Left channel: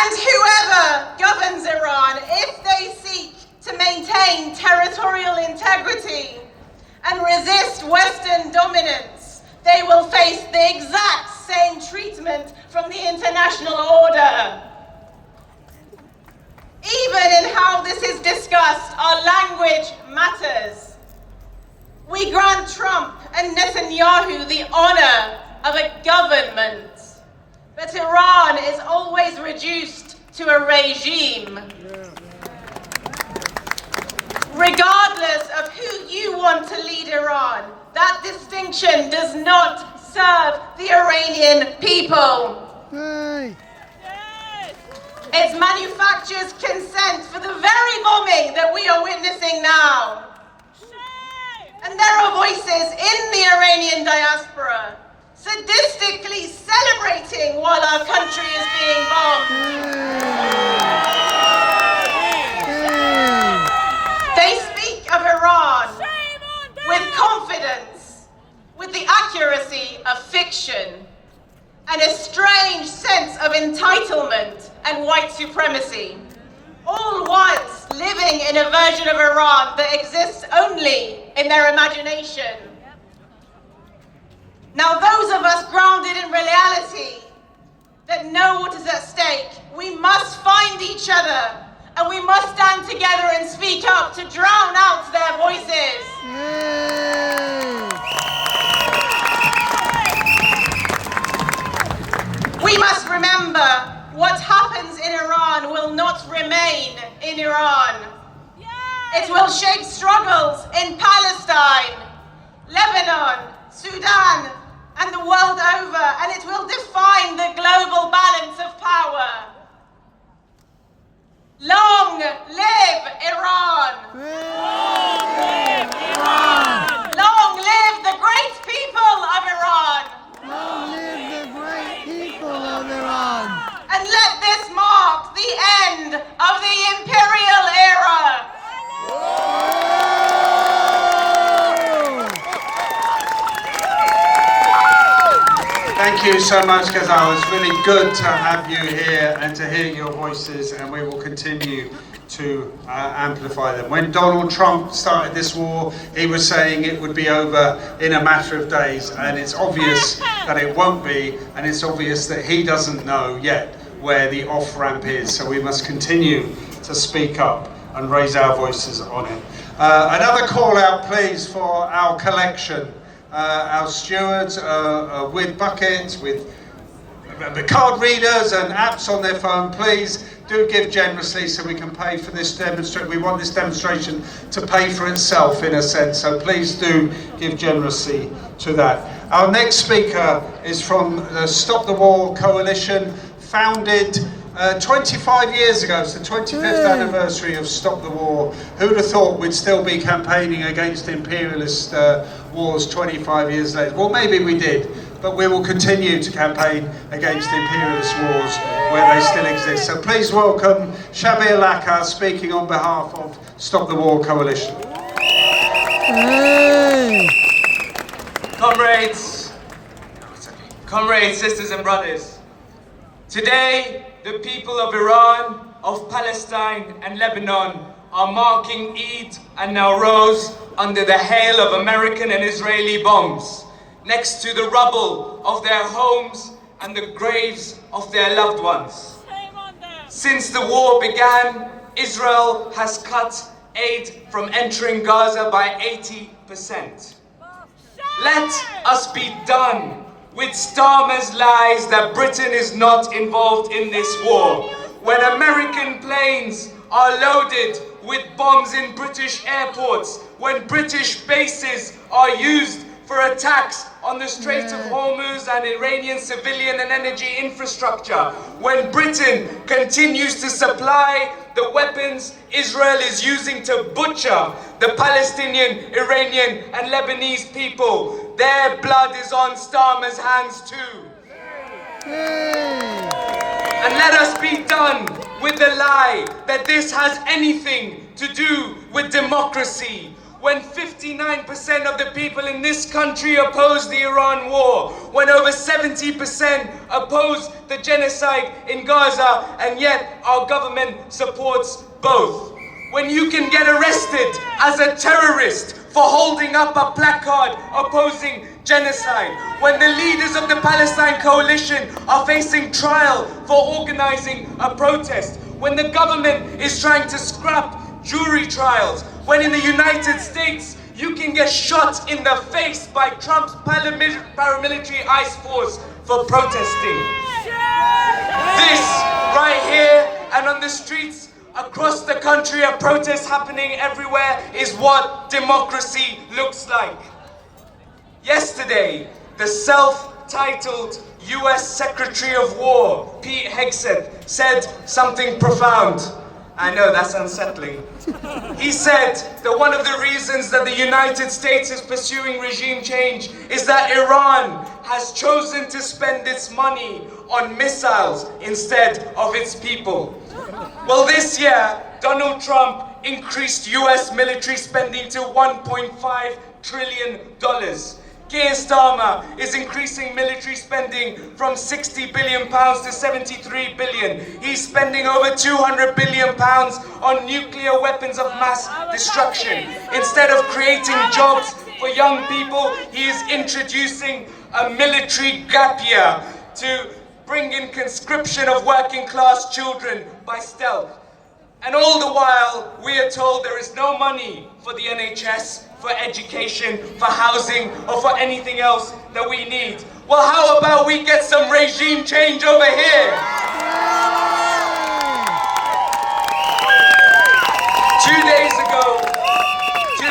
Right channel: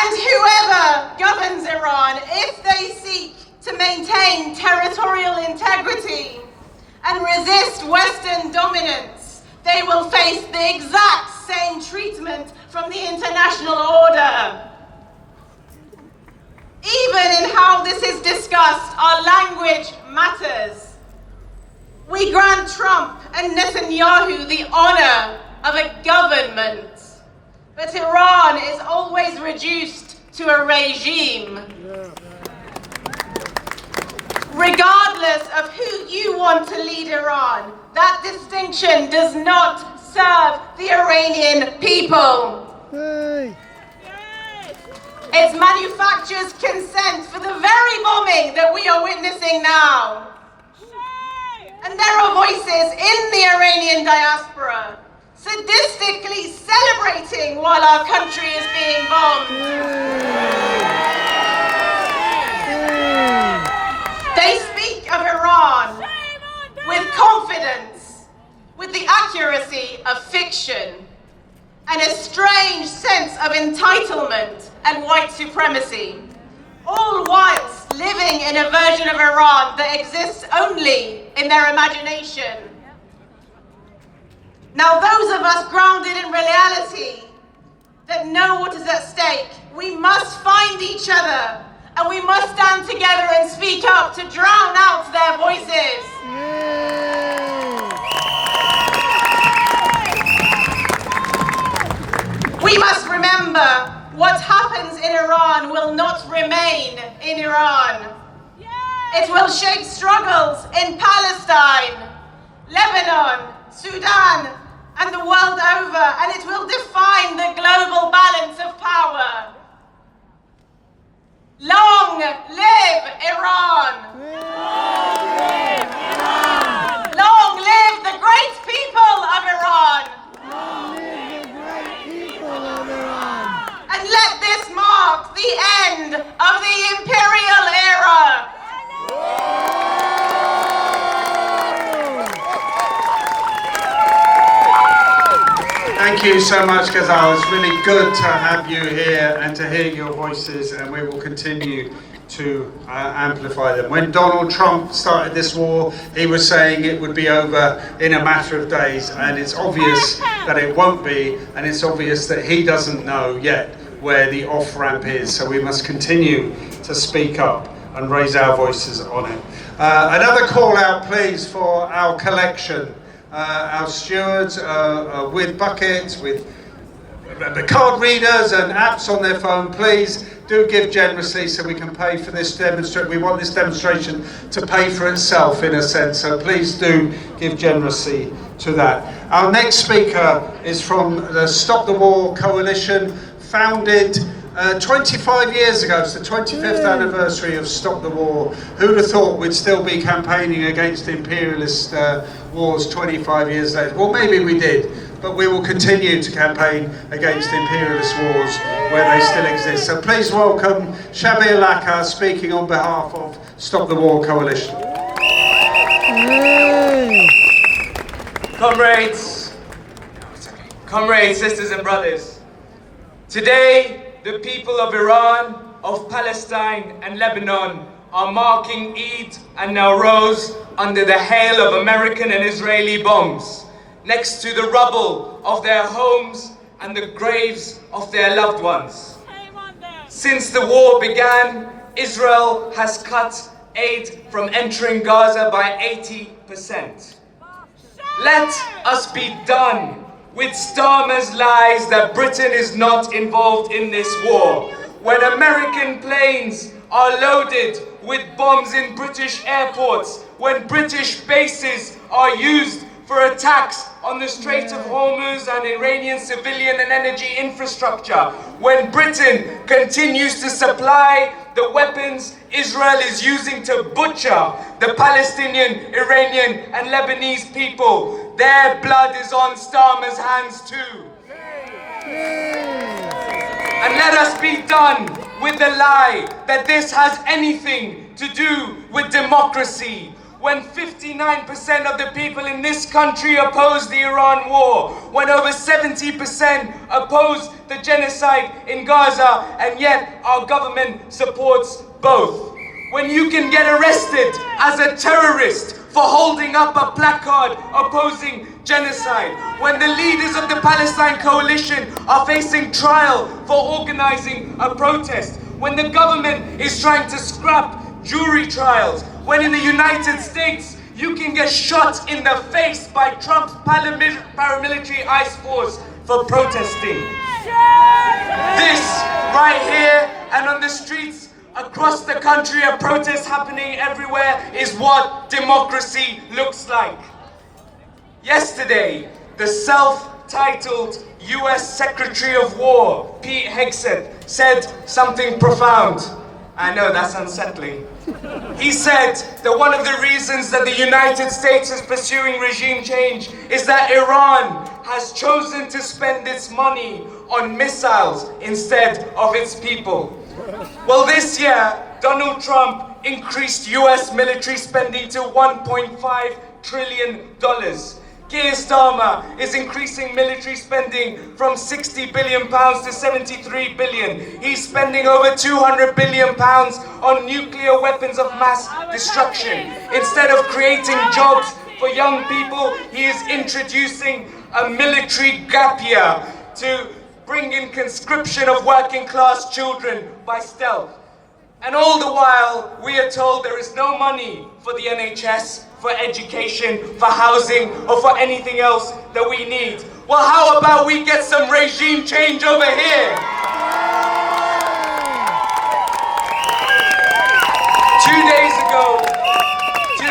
And whoever governs Iran, if they seek to maintain territorial integrity and resist Western dominance, they will face the exact same treatment from the international order. Even in how this is discussed, our language matters. We grant Trump and Netanyahu the honor of a government, but Iran is always reduced to a regime. Regardless of who you want to lead Iran, that distinction does not serve the Iranian people. Its manufacturers consent for the very bombing that we are witnessing now. And there are voices in the Iranian diaspora sadistically celebrating while our country is being bombed. They speak of Iran with confidence, with the accuracy of fiction, and a strange sense of entitlement and white supremacy, all whilst living in a version of Iran that exists only in their imagination. Now, those of us grounded in reality that know what is at stake, we must find each other and we must stand together and speak up to drown out their voices. We must remember what happens in Iran will not remain in Iran. It will shape struggles in Palestine, Lebanon, Sudan, and the world over, and it will define the global balance of power. Long live Iran! Long live the great people of Iran! And let this mark the end of the imperial era. Thank you so much, Gaza. It's really good to have you here and to hear your voices, and we will continue to amplify them. When Donald Trump started this war, he was saying it would be over in a matter of days, and it's obvious that it won't be, and it's obvious that he doesn't know yet where the off-ramp is, so we must continue to speak up and raise our voices on it. Another call out, please, for our collection. Our stewards with buckets, with card readers and apps on their phone. Please do give generously so we can pay for this demonstration. We want this demonstration to pay for itself in a sense, so please do give generously to that. Our next speaker is from the Stop the War Coalition, founded 25 years ago. It's the 25th anniversary of Stop the War. Who'd have thought we'd still be campaigning against imperialist wars 25 years later? Well, maybe we did, but we will continue to campaign against imperialist wars where they still exist. So please welcome Shabir Laka, speaking on behalf of Stop the War Coalition. Comrades, sisters and brothers, today the people of Iran, of Palestine and Lebanon are marking Eid and Nowruz under the hail of American and Israeli bombs, next to the rubble of their homes and the graves of their loved ones. Since the war began, Israel has cut aid from entering Gaza by 80%. Let us be done with Starmer's lies that Britain is not involved in this war. When American planes are loaded with bombs in British airports, when British bases are used for attacks on the Strait of Hormuz and Iranian civilian and energy infrastructure, when Britain continues to supply the weapons Israel is using to butcher the Palestinian, Iranian and Lebanese people, their blood is on Starmer's hands too. And let us be done with the lie that this has anything to do with democracy. when 59% of the people in this country oppose the Iran war, when over 70% oppose the genocide in Gaza, and yet our government supports both. When you can get arrested as a terrorist for holding up a placard opposing genocide, when the leaders of the Palestine Coalition are facing trial for organizing a protest, when the government is trying to scrap jury trials, when in the United States you can get shot in the face by Trump's paramilitary ICE force for protesting. This right here and on the streets across the country, a protest happening everywhere, is what democracy looks like. Yesterday, the self-titled US Secretary of War, Pete Hegseth, said something profound. I know, that's unsettling. He said that one of the reasons that the United States is pursuing regime change is that Iran has chosen to spend its money on missiles instead of its people. Well, this year, Donald Trump increased US military spending to $1.5 trillion. Keir Starmer is increasing military spending from £60 billion to £73 billion. He's spending over £200 billion on nuclear weapons of mass destruction. Instead of creating jobs for young people, he is introducing a military gap year to bring in conscription of working class children by stealth. And all the while, we are told there is no money for the NHS, for education, for housing, or for anything else that we need. Well, how about we get some regime change over here? 2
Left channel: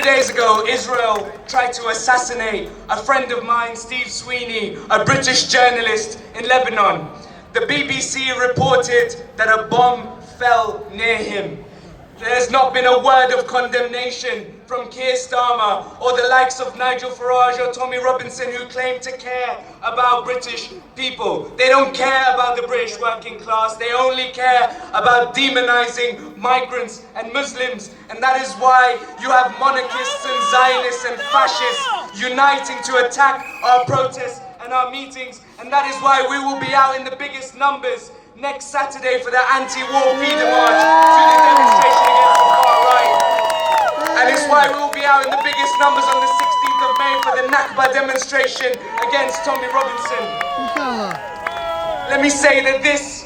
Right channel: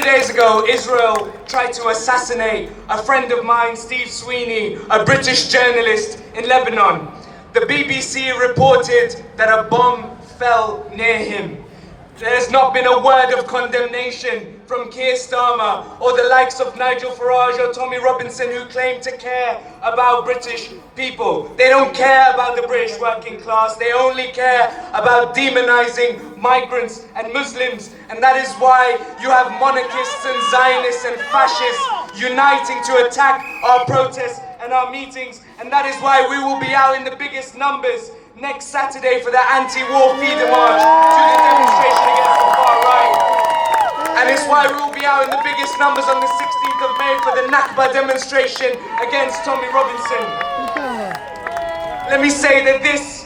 days ago, Israel tried to assassinate a friend of mine, Steve Sweeney, a British journalist in Lebanon. The BBC reported that a bomb fell near him. There's not been a word of condemnation from Keir Starmer or the likes of Nigel Farage or Tommy Robinson, who claim to care about British people. They don't care about the British working class. They only care about demonizing migrants and Muslims. And that is why you have monarchists and Zionists and fascists uniting to attack our protests and our meetings. And that is why we will be out in the biggest numbers next Saturday for the anti-war feeder march to the demonstration against the far right. And it's why we will be out in the biggest numbers on the 16th of May for the Nakba demonstration against Tommy Robinson. Let me say that this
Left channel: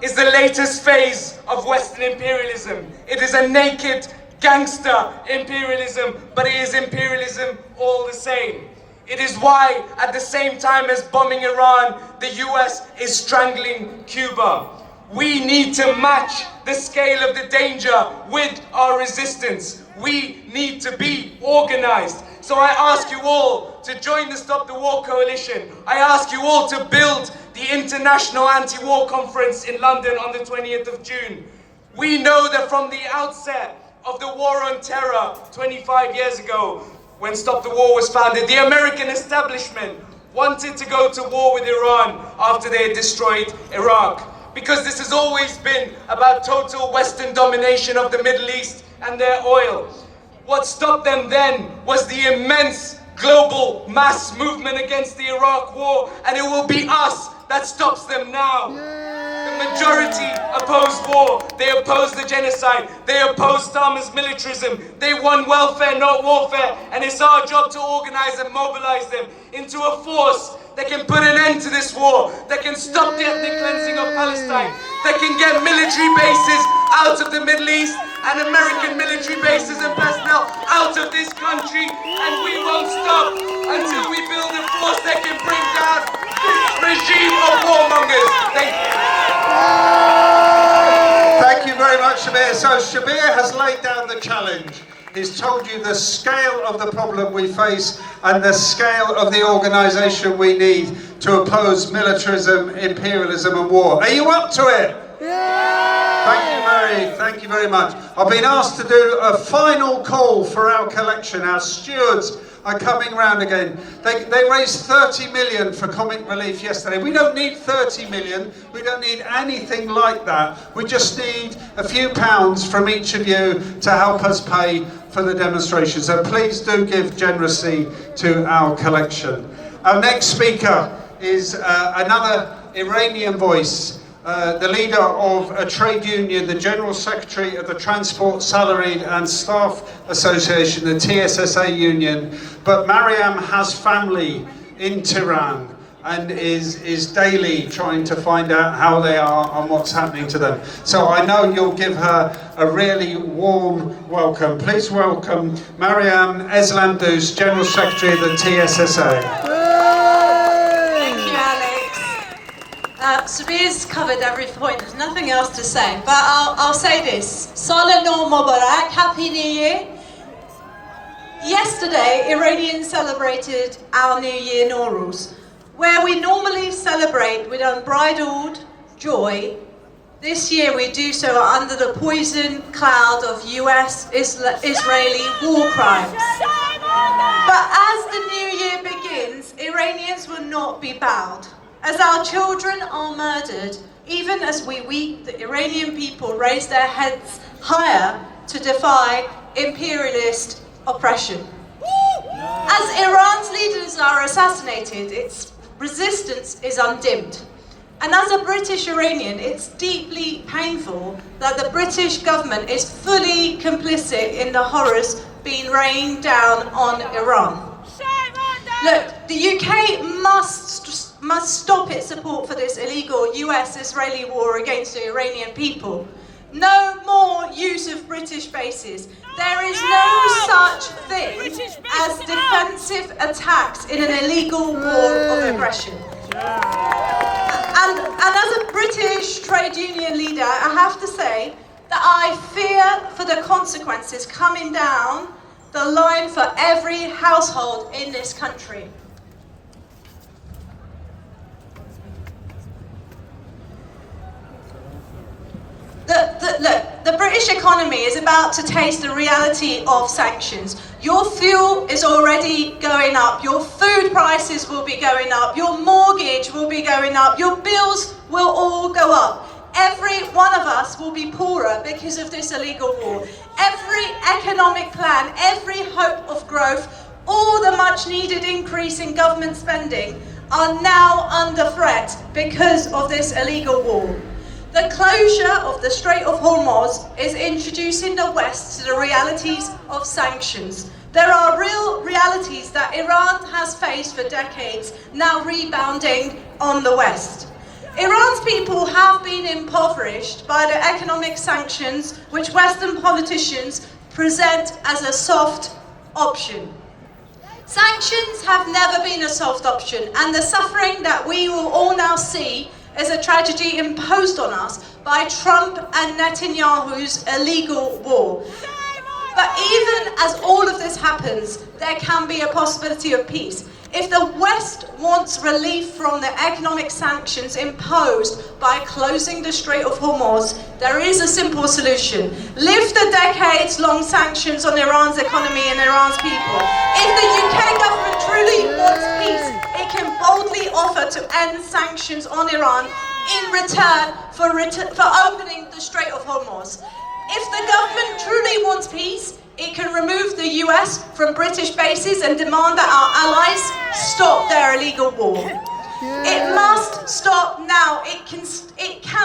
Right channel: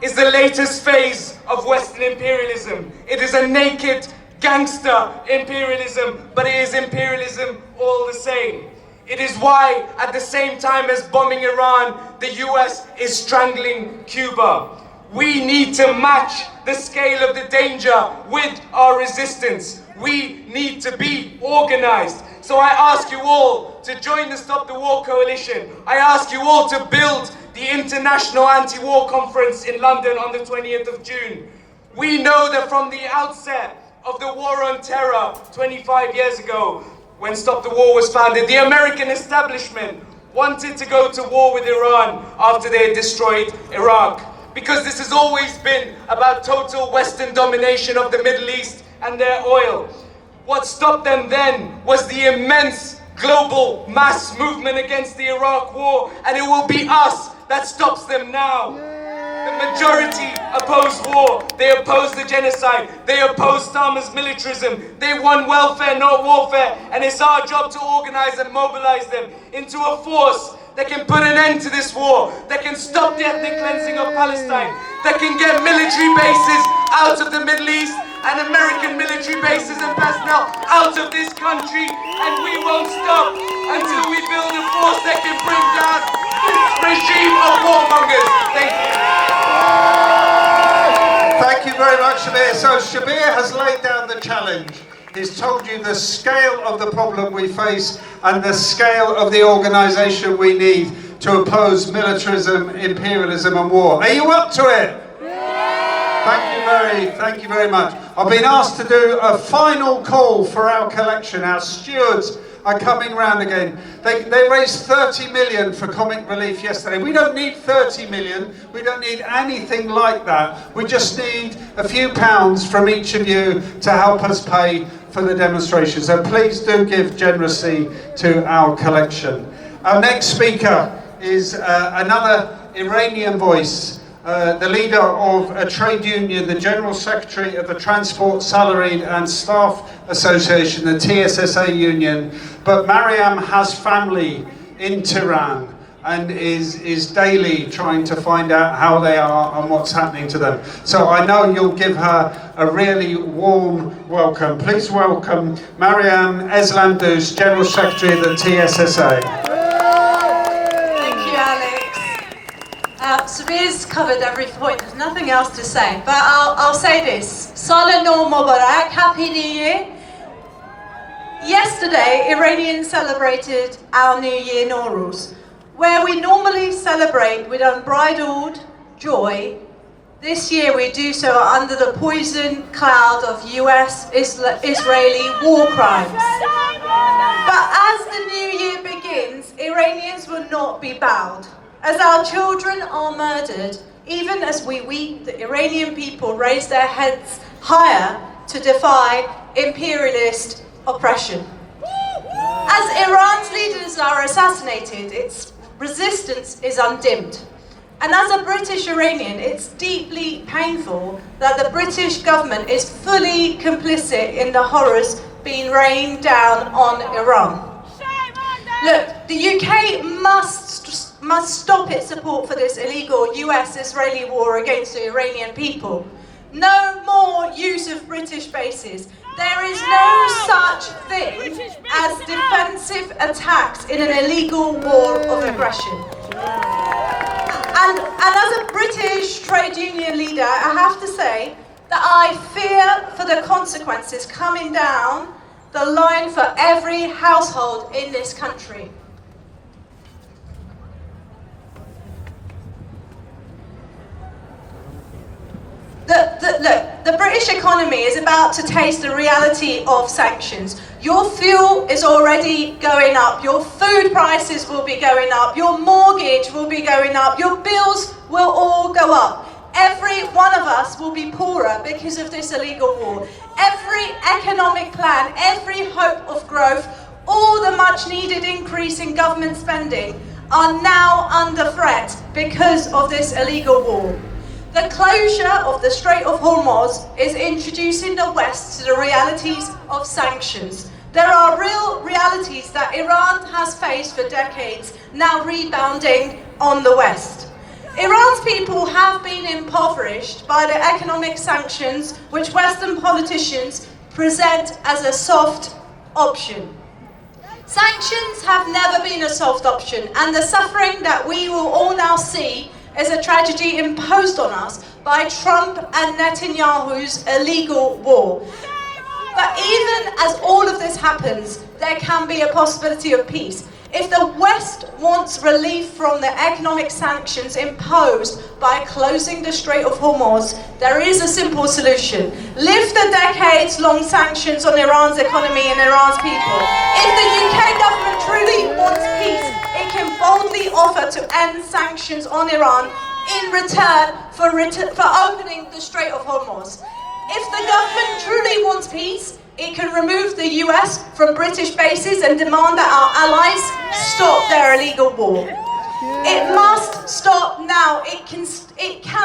is the latest phase of Western imperialism. It is a naked gangster imperialism, but it is imperialism all the same. It is why, at the same time as bombing Iran, the US is strangling Cuba. We need to match the scale of the danger with our resistance. We need to be organized. So I ask you all to join the Stop the War Coalition. I ask you all to build the International Anti-War Conference in London on the 20th of June. We know that from the outset of the war on terror 25 years ago, when Stop the War was founded, the American establishment wanted to go to war with Iran after they had destroyed Iraq. Because this has always been about total Western domination of the Middle East and their oil. What stopped them then was the immense global mass movement against the Iraq war, and it will be us that stops them now. The majority oppose war. They oppose the genocide. They oppose Starmer's militarism. They want welfare, not warfare. And it's our job to organize and mobilize them into a force that can put an end to this war, that can stop the ethnic cleansing of Palestine, that can get military bases out of the Middle East and American military bases and personnel out of this country. And we won't stop until we build a force that can bring down this regime of warmongers. Thank you. Thank you very much, Shabir. So Shabir has laid down the challenge. He's told you the scale of the problem we face and the scale of the organisation we need to oppose militarism, imperialism and war. Are you up to it? Thank you very much. I've been asked to do a final call for our collection. Our stewards are coming round again. They raised 30 million for comic relief yesterday. We don't need 30 million. We don't need anything like that. We just need a few pounds from each of you to help us pay for the demonstration. So please do give generously to our collection. Our next speaker is another Iranian voice, the leader of a trade union, the General Secretary of the Transport, Salaried and Staff Association, the TSSA union. But Mariam has family in Tehran and is daily trying to find out how they are and what's happening to them. So I know you'll give her a really warm welcome. Please welcome Mariam Eslamdoust, General Secretary of the TSSA. Samir's covered every point, there's nothing else to say, but I'll say this. Sal Nov Mubarak, Happy New Year. Yesterday, Iranians celebrated our New Year Nowruz. Where we normally celebrate with unbridled joy, this year we do so under the poison cloud of US-Israeli war crimes. But as the new year begins, Iranians will not be bowed. As our children are murdered, even as we weep, the Iranian people raise their heads higher to defy imperialist oppression. As Iran's leaders are assassinated, its resistance is undimmed. And as a British Iranian, it's deeply painful that the British government is fully complicit in the horrors being rained down on Iran. Look, the UK must stop its support for this illegal US-Israeli war against the Iranian people. No more use of British bases. There is no such thing as defensive attacks in an illegal war of aggression. And as a British trade union leader, I have to say that I fear for the consequences coming down the line for every household in this country. Look, the British economy is about to taste the reality of sanctions. Your fuel is already going up, your food prices will be going up, your mortgage will be going up, your bills will all go up. Every one of us will be poorer because of this illegal war. Every economic plan, every hope of growth, all the much needed increase in government spending are now under threat because of this illegal war. The closure of the Strait of Hormuz is introducing the West to the realities of sanctions. There are real realities that Iran has faced for decades, now rebounding on the West. Iran's people have been impoverished by the economic sanctions which Western politicians present as a soft option. Sanctions have never been a soft option, and the suffering that we will all now see is a tragedy imposed on us by Trump and Netanyahu's illegal war. But even as all of this happens, there can be a possibility of peace. If the West wants relief from the economic sanctions imposed by closing the Strait of Hormuz, there is a simple solution. Lift the decades-long sanctions on Iran's economy and Iran's people. If the UK government truly wants peace, it can boldly offer to end sanctions on Iran in return for opening the Strait of Hormuz. If the government truly wants peace, it can remove the US from British bases and demand that our allies stop their illegal war. It must stop now. It can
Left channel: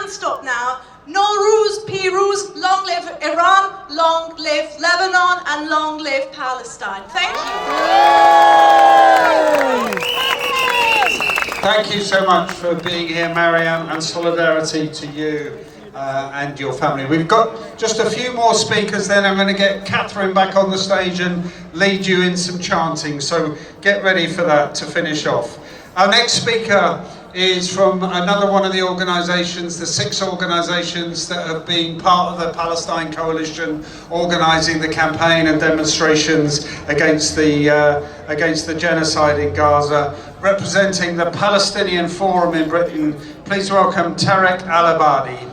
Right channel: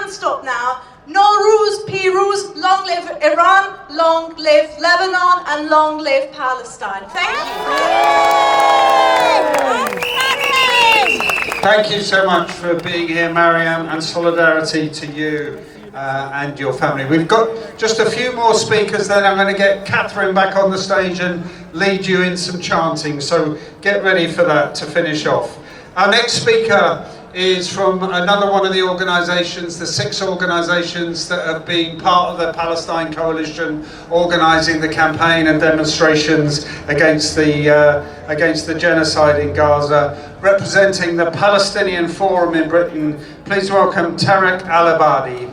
stop now. Nowruz, Piruz, long live Iran, long live Lebanon, and long live Palestine. Thank you. Thank you so much for being here, Mariam, and solidarity to you and your family. We've got just a few more speakers, then I'm going to get Catherine back on the stage and lead you in some chanting, so get ready for that to finish off. Our next speaker is from another one of the organisations, the 6 organisations that have been part of the Palestine Coalition, organising the campaign and demonstrations against the genocide in Gaza. Representing the Palestinian Forum in Britain, please welcome Tarek Al-Abadi.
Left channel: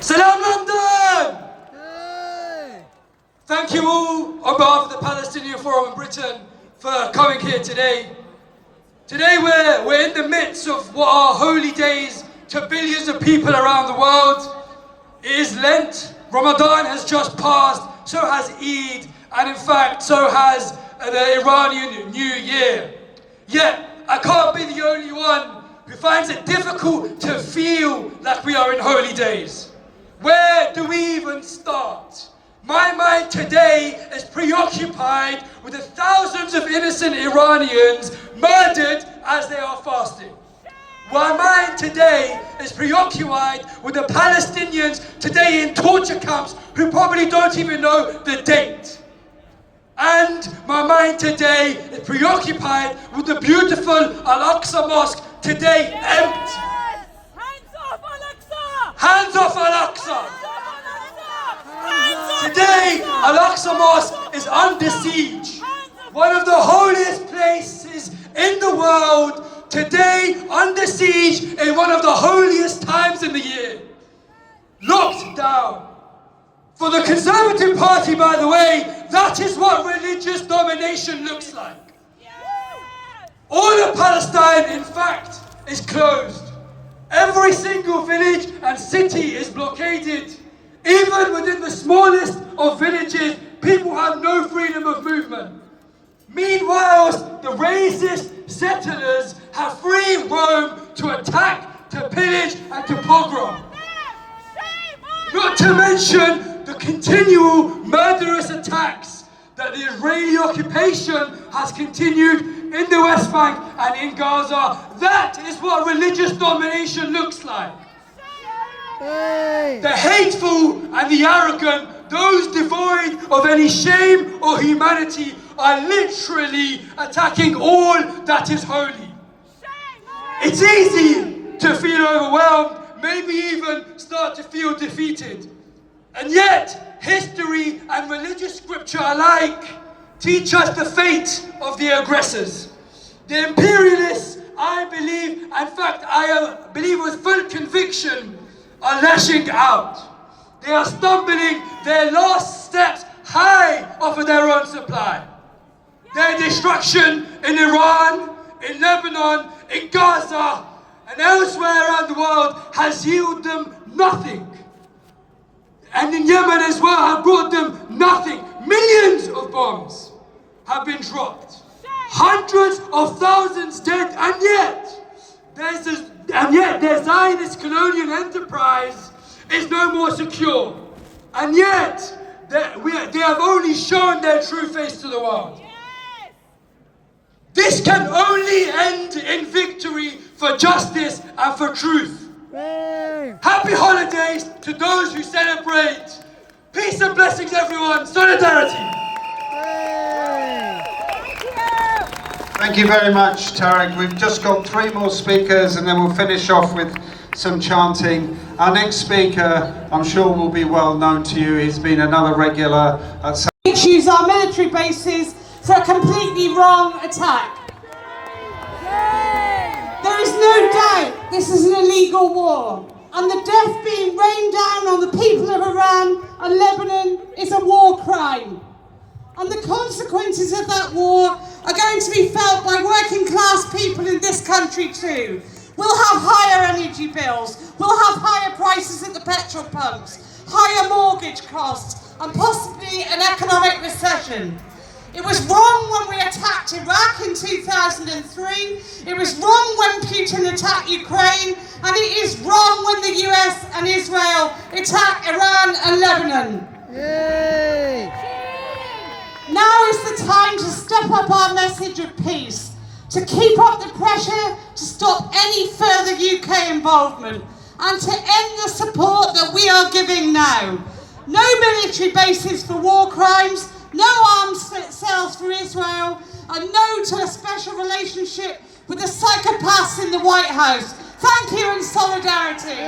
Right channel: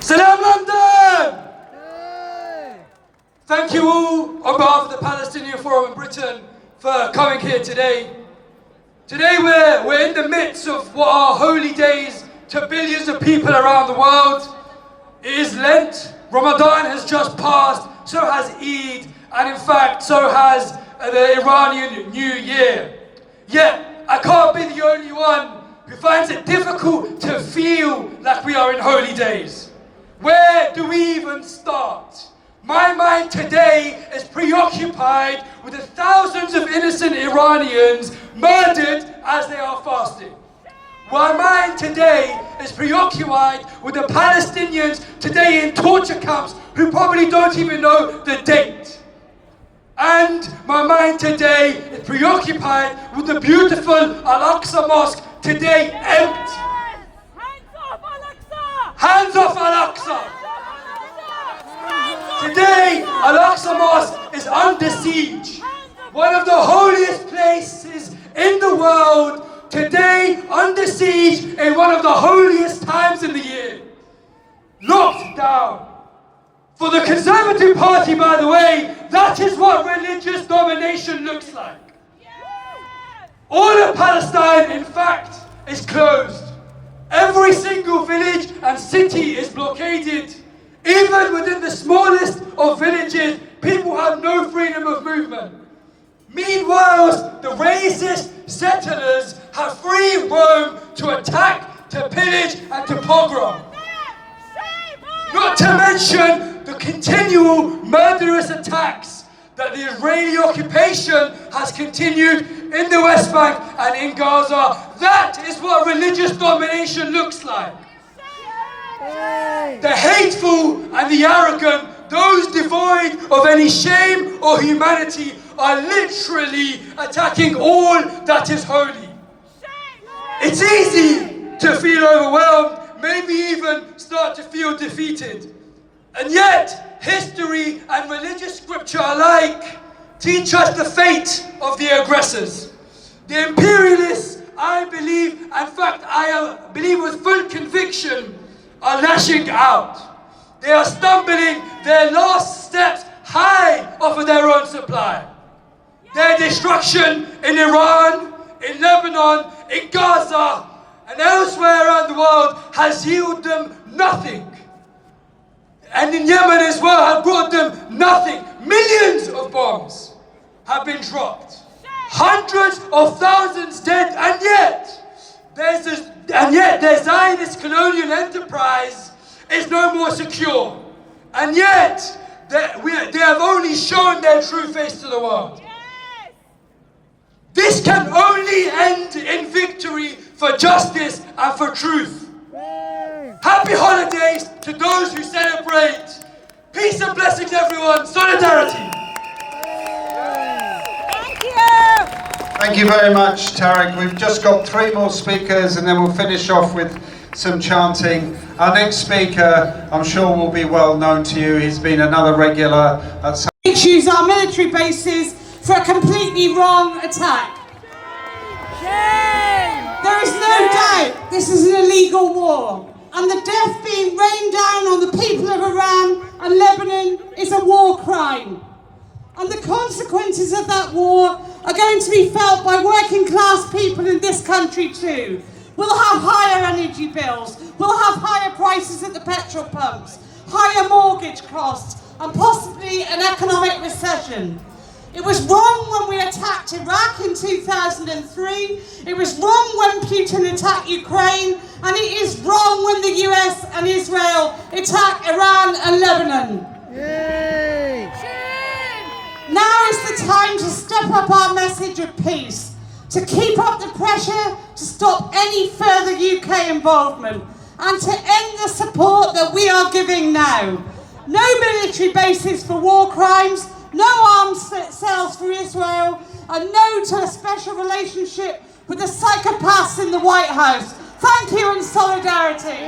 Salam London! Thank you all on behalf of the Palestinian Forum in Britain for coming here today. Today we're in the midst of what are holy days to billions of people around the world. It is Lent, Ramadan has just passed, so has Eid, and in fact so has the Iranian New Year. Yet I can't be the only one who finds it difficult to feel like we are in holy days. Where do we even start? My mind today is preoccupied with the thousands of innocent Iranians murdered as they are fasting. My mind today is preoccupied with the Palestinians today in torture camps who probably don't even know the date. And my mind today is preoccupied with the beautiful Al-Aqsa Mosque today empty. Hands off Al-Aqsa! Hands off Al-Aqsa! Today, Al-Aqsa Mosque is under siege. One of the holiest places in the world, today under siege in one of the holiest times in the year. Locked down. For the Conservative Party, by the way, that is what religious domination looks like. All of Palestine, in fact, is closed. Every single village and city is blockaded. Even within the smallest of villages, people have no freedom of movement. Meanwhile, the racist settlers have free roam to attack, to pillage, and to pogrom. Not to mention the continual murderous attacks that the Israeli occupation has continued in the West Bank and in Gaza. That is what religious domination looks like. The hateful and the arrogant, those devoid of any shame or humanity, are literally attacking all that is holy. It's easy to feel overwhelmed, maybe even start to feel defeated. And yet, history and religious scripture alike teach us the fate of the aggressors. The imperialists, I believe, in fact, I believe with full conviction, are lashing out. They are stumbling their last steps high off of their own supply. Their destruction in Iran, in Lebanon, in Gaza, and elsewhere around the world has yielded them nothing. And in Yemen as well have brought them nothing. Millions of bombs have been dropped. Hundreds of thousands dead, and yet their Zionist colonial enterprise is no more secure. And yet they have only shown their true face to the world. This can only end in victory for justice and for truth. Happy holidays to those who celebrate. Peace and blessings, everyone. Solidarity. Thank you very much, Tarek. We've just got 3 more speakers and then we'll finish off with some chanting. Our next speaker, I'm sure, will be well known to you. He's been another regular at... We choose our military bases for a completely wrong attack. There is no doubt this is an illegal war, and the death being rained down on the people of Iran and Lebanon is a war crime. And the consequences of that war are going to be felt by working class people in this country too. We'll have higher energy bills, we'll have higher prices at the petrol pumps, higher mortgage costs, and possibly an economic recession. It was wrong when we attacked Iraq in 2003, it was wrong when Putin attacked Ukraine, and it is wrong when the US and Israel attack Iran and Lebanon. Yay! Now is the time to step up our message of peace, to keep up the pressure to stop any further UK involvement, and to end the support that we are giving now. No military bases for war crimes, no arms sales for Israel, and no to a special relationship with the psychopaths in the White House. Thank you and solidarity.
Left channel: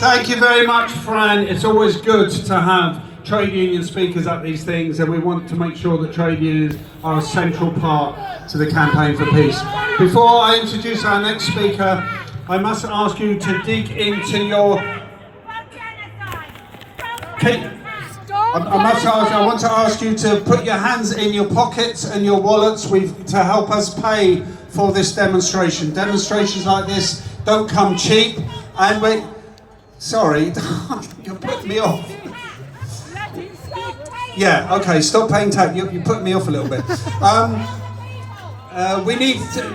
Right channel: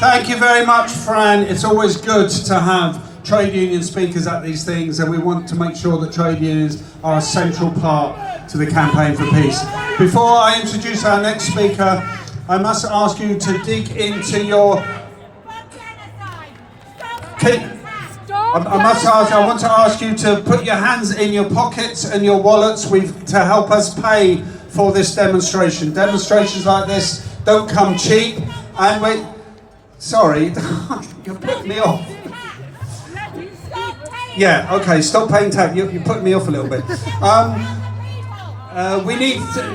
Thank you very much, Fran. It's always good to have trade union speakers at these things, and we want to make sure that trade unions are a central part to the campaign for peace. Before I introduce our next speaker, I must ask you to dig into your... I want to ask you to put your hands in your pockets and your wallets to help us pay for this demonstration. Demonstrations like this don't come cheap, and sorry, you're putting me off. Yeah, okay, stop paying tax. You're putting me off a little bit.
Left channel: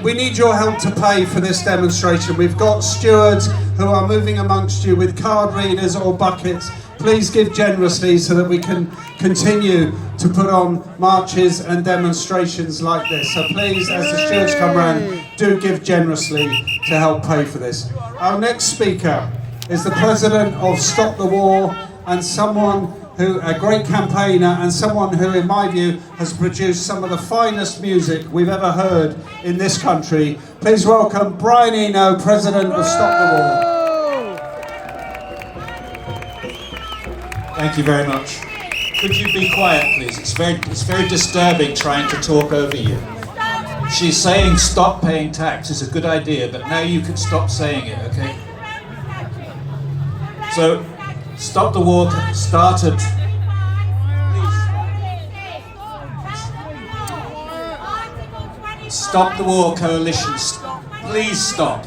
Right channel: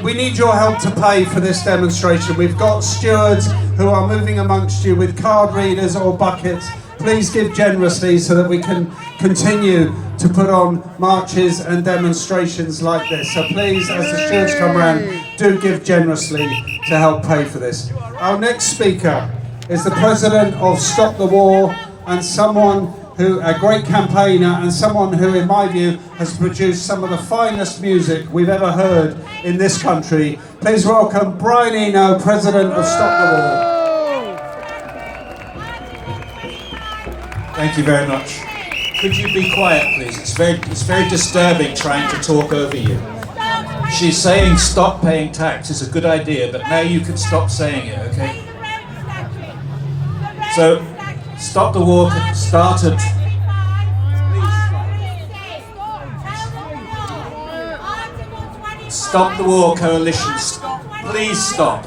We need your help to pay for this demonstration. We've got stewards who are moving amongst you with card readers or buckets. Please give generously so that we can continue to put on marches and demonstrations like this. So please, as the stewards come around, do give generously to help pay for this. Our next speaker is the president of Stop the War, and a great campaigner, and someone who, in my view, has produced some of the finest music we've ever heard in this country. Please welcome Brian Eno, president of Stop the War. Thank you very much. Could you be quiet, please? It's very disturbing trying to talk over you. She's saying stop paying tax is a good idea, but now you can stop saying it, okay? So, Stop the War started... Stop the War Coalition, please stop.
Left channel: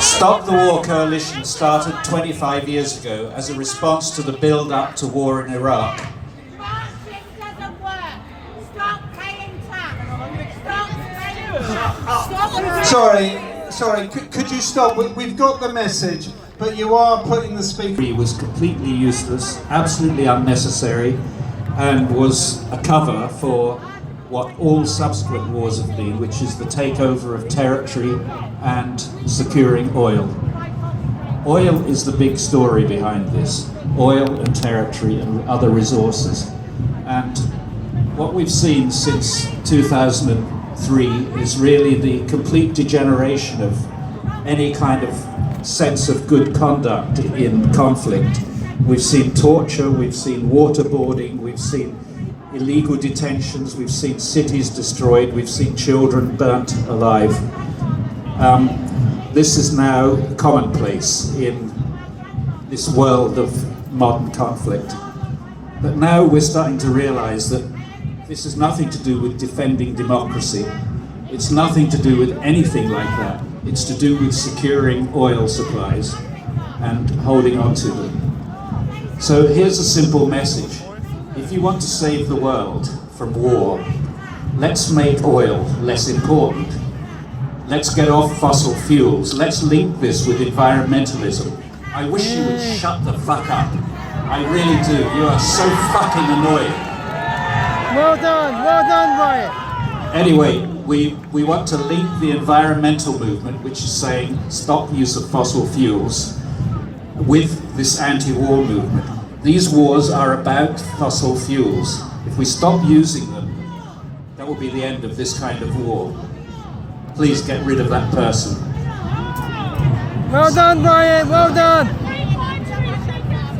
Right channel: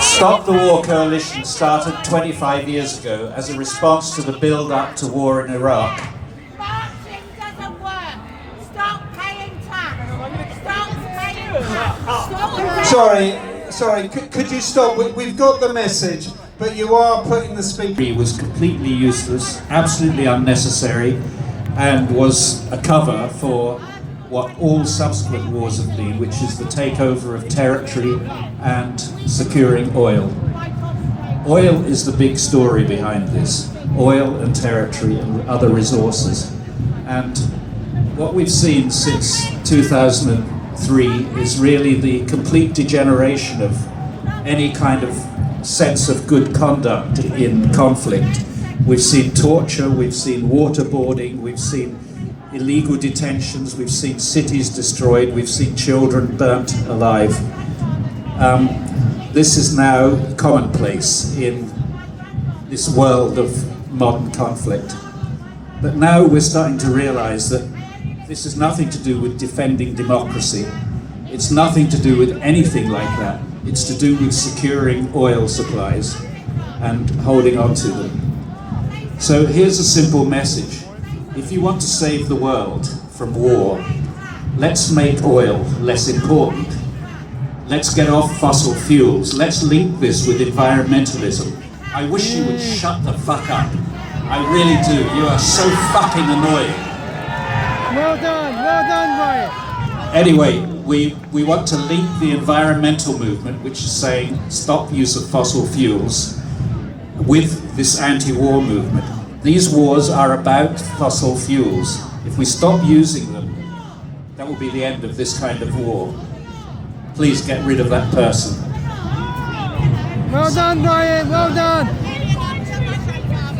Stop the War Coalition started 25 years ago as a response to the build-up to war in Iraq. Sorry, could you stop? We've got the message, but you are putting the speaker... It was completely useless, absolutely unnecessary, and was a cover for what all subsequent wars have been, which is the takeover of territory and securing oil. Oil is the big story behind this. Oil and territory and other resources. And what we've seen since 2003 is really the complete degeneration of any kind of sense of good conduct in conflict. We've seen torture, we've seen waterboarding, we've seen illegal detentions, we've seen cities destroyed, we've seen children burnt alive. This is now commonplace in this world of modern conflict. But now we're starting to realize that this has nothing to do with defending democracy. It's nothing to do with anything like that. It's to do with securing oil supplies and holding on to them. So here's a simple message. If you want to save the world from war, let's make oil less important. Let's get off fossil fuels. Let's link this with environmentalism. I wish you would shut the fuck up. I really do. You are so fucking annoying. Well done, Ryan. Anyway, we want to link the environmental movement, which is saying stop use of fossil fuels, with this anti-war movement. These wars are about fossil fuels. If we stop using them, that will be the end of this kind of war. Please get rid of that person. Well done, Ryan, well done.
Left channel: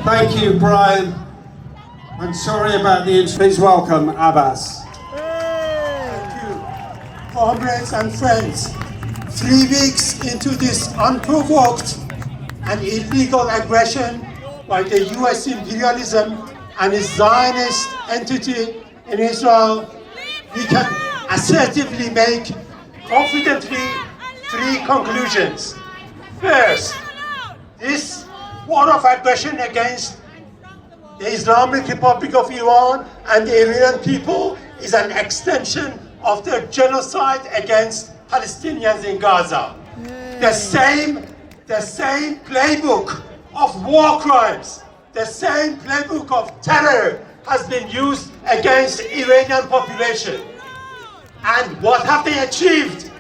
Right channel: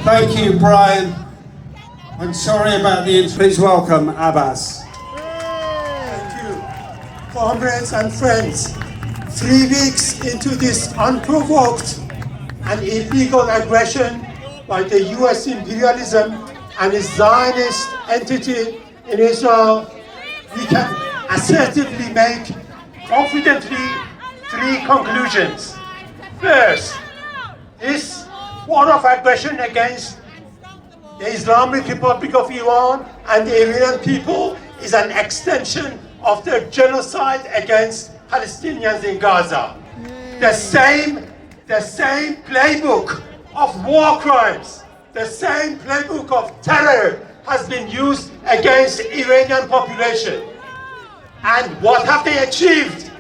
Thank you, Brian. I'm sorry about the incident. Please welcome Abbas. Thank you, comrades and friends. 3 weeks into this unprovoked and illegal aggression by the US imperialism and its Zionist entity in Israel, we can assertively make confidently 3 conclusions. First, this war of aggression against the Islamic Republic of Iran and the Iranian people is an extension of their genocide against Palestinians in Gaza. The same playbook of war crimes, the same playbook of terror has been used against the Iranian population. And what have they achieved?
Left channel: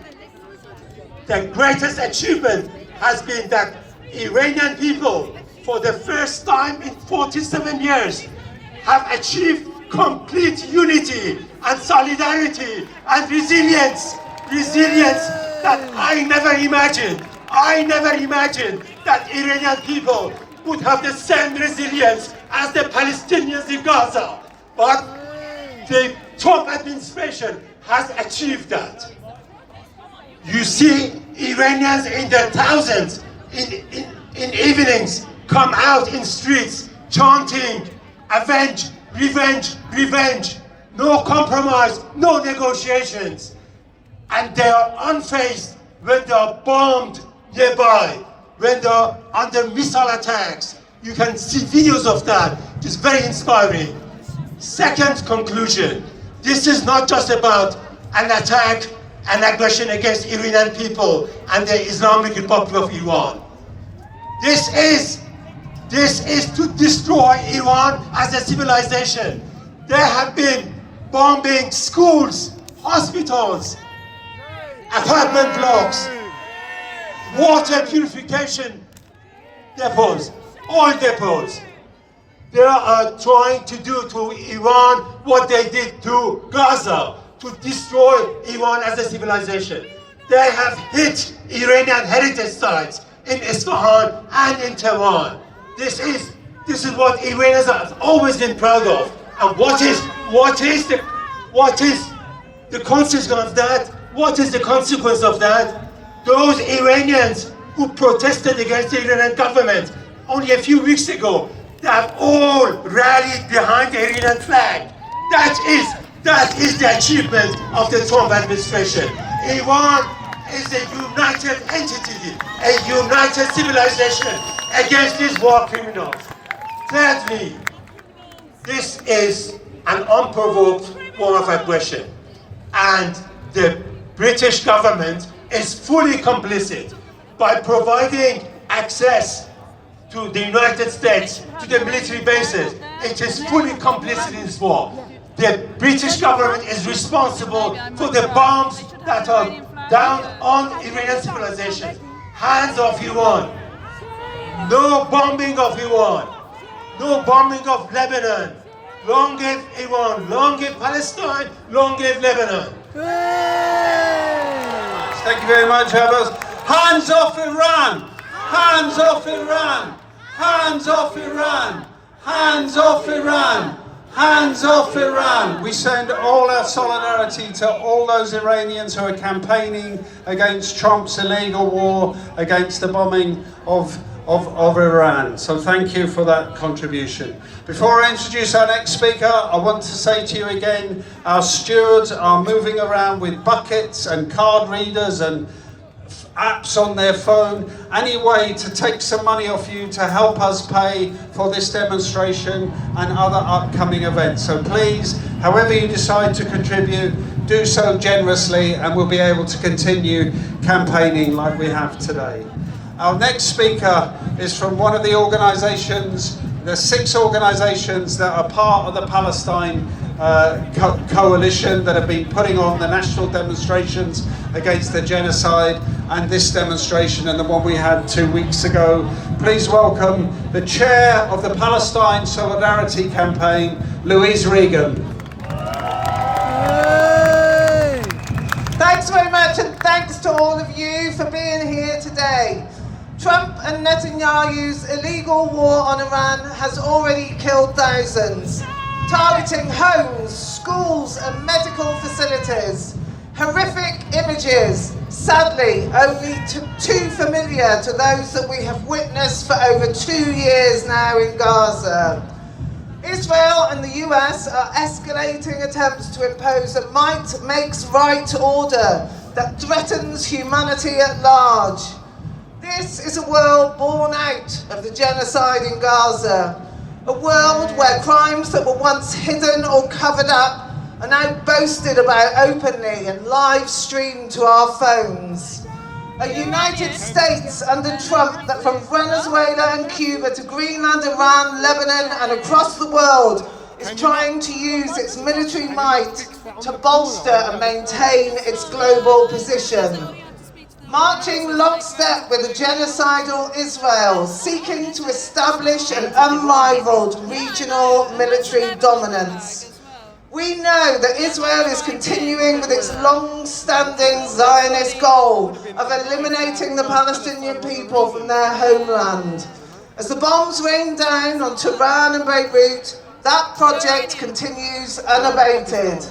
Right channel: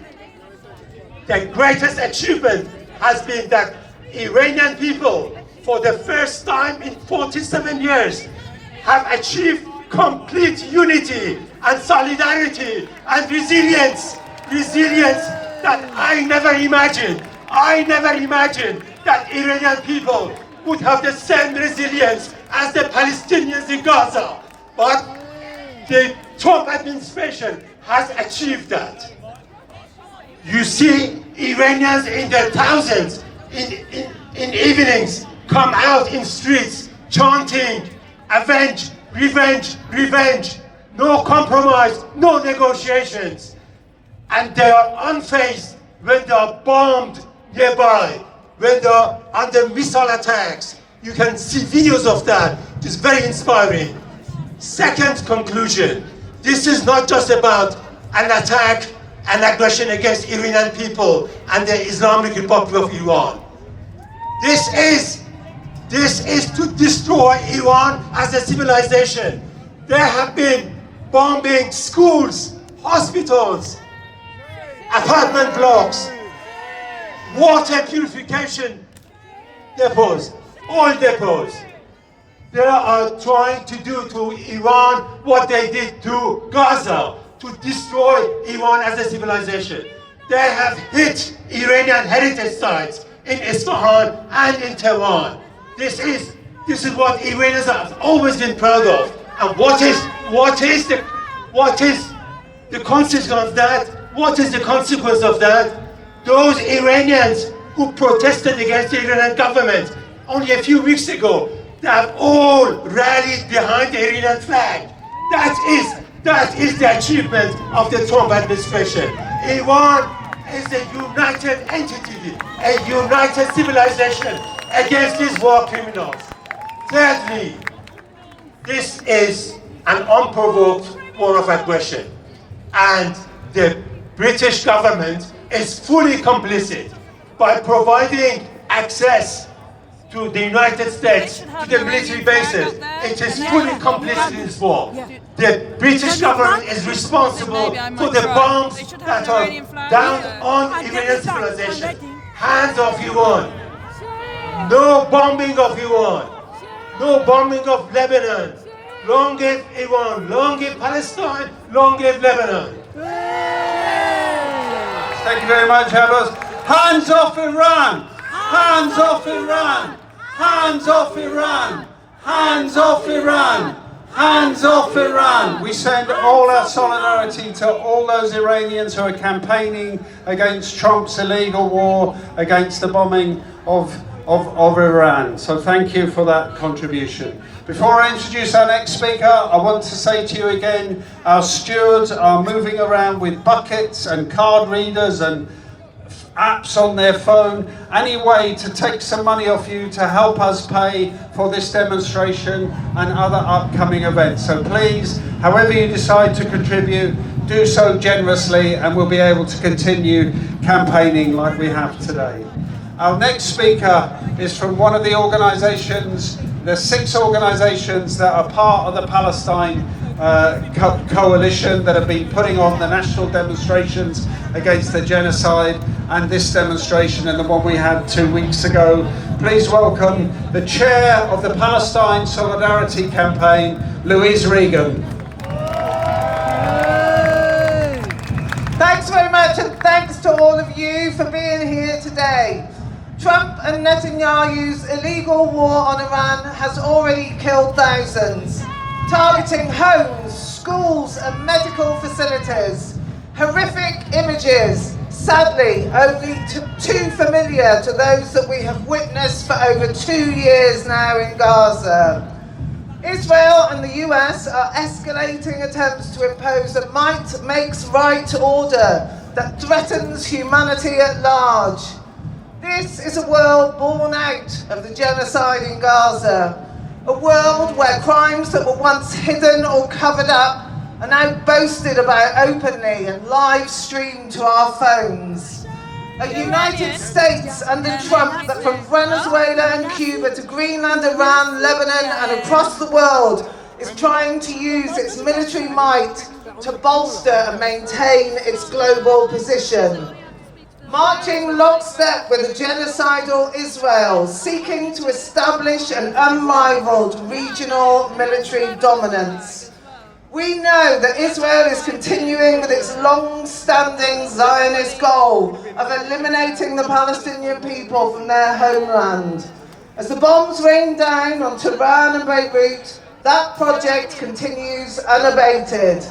The greatest achievement has been that Iranian people, for the first time in 47 years, have achieved complete unity and solidarity and resilience that I never imagined that Iranian people would have the same resilience as the Palestinians in Gaza. But the Trump administration has achieved that. You see Iranians in their thousands in evenings come out in streets chanting, "Avenge, revenge, revenge." No compromise, no negotiations. And they are unfazed when they are bombed nearby, when they are under missile attacks. You can see videos of that. It is very inspiring. Second conclusion, this is not just about an attack, an aggression against Iranian people and the Islamic Republic of Iran. This is to destroy Iran as a civilization. They have been bombing schools, hospitals, apartment blocks, water purification depots, oil depots. They are trying to do to Iran what they did to Gaza, to destroy Iran as a civilization. They have hit Iranian heritage sites in Isfahan and in Tehran. This is what Iranians have always been proud of. And what is the consequence of that? What is the consequence of that? Those Iranians who protested against the Iranian government only a few weeks ago, they have all rallied behind the Iranian flag. That is the achievement of the Trump administration. Iran is a united entity, a united civilization against these war criminals. Thirdly, this is an unprovoked war of aggression, and the British government is fully complicit by providing access to the United States, to the military bases. It is fully complicit in this war. The British government is responsible for the bombs that are down on Iranian civilization. Hands off Iran. No bombing of Iran. No bombing of Lebanon. Long live Iran. Long live Palestine. Long live Lebanon. Thank you very much, Abbas. Hands off Iran! Hands off Iran! Hands off Iran! Hands off Iran! Hands off Iran! We send all our solidarity to all those Iranians who are campaigning against Trump's illegal war, against the bombing of Iran. So thank you for that contribution. Before I introduce our next speaker, I want to say to you again, our stewards are moving around with buckets and card readers and apps on their phone, any way to take some money off you to help us pay for this demonstration and other upcoming events. So please, however you decide to contribute, do so generously and we'll be able to continue campaigning like we have today. Our next speaker is from one of the organisations, the 6 organisations that are part of the Palestine coalition that have been putting on the national demonstrations against the genocide, and this demonstration and the one we had 2 weeks ago. Please welcome the chair of the Palestine Solidarity Campaign, Louise Regan. Thanks very much, and thanks to all of you for being here today. Trump and Netanyahu's illegal war on Iran has already killed thousands, targeting homes, schools and medical facilities. Horrific images, sadly only too familiar to those that we have witnessed for over 2 years now in Gaza. Israel and the US are escalating attempts to impose a might makes right order that threatens humanity at large. This is a world born out of the genocide in Gaza, a world where crimes that were once hidden or covered up are now boasted about openly and live streamed to our phones. A United States under Trump that from Venezuela and Cuba to Greenland, Iran, Lebanon and across the world is trying to use its military might to bolster and maintain its global position. Marching lockstep with a genocidal Israel, seeking to establish an unrivaled regional military dominance. We know that Israel is continuing with its long-standing Zionist goal of eliminating the Palestinian people from their homeland. As the bombs rain down on Tehran and Beirut, that project continues unabated.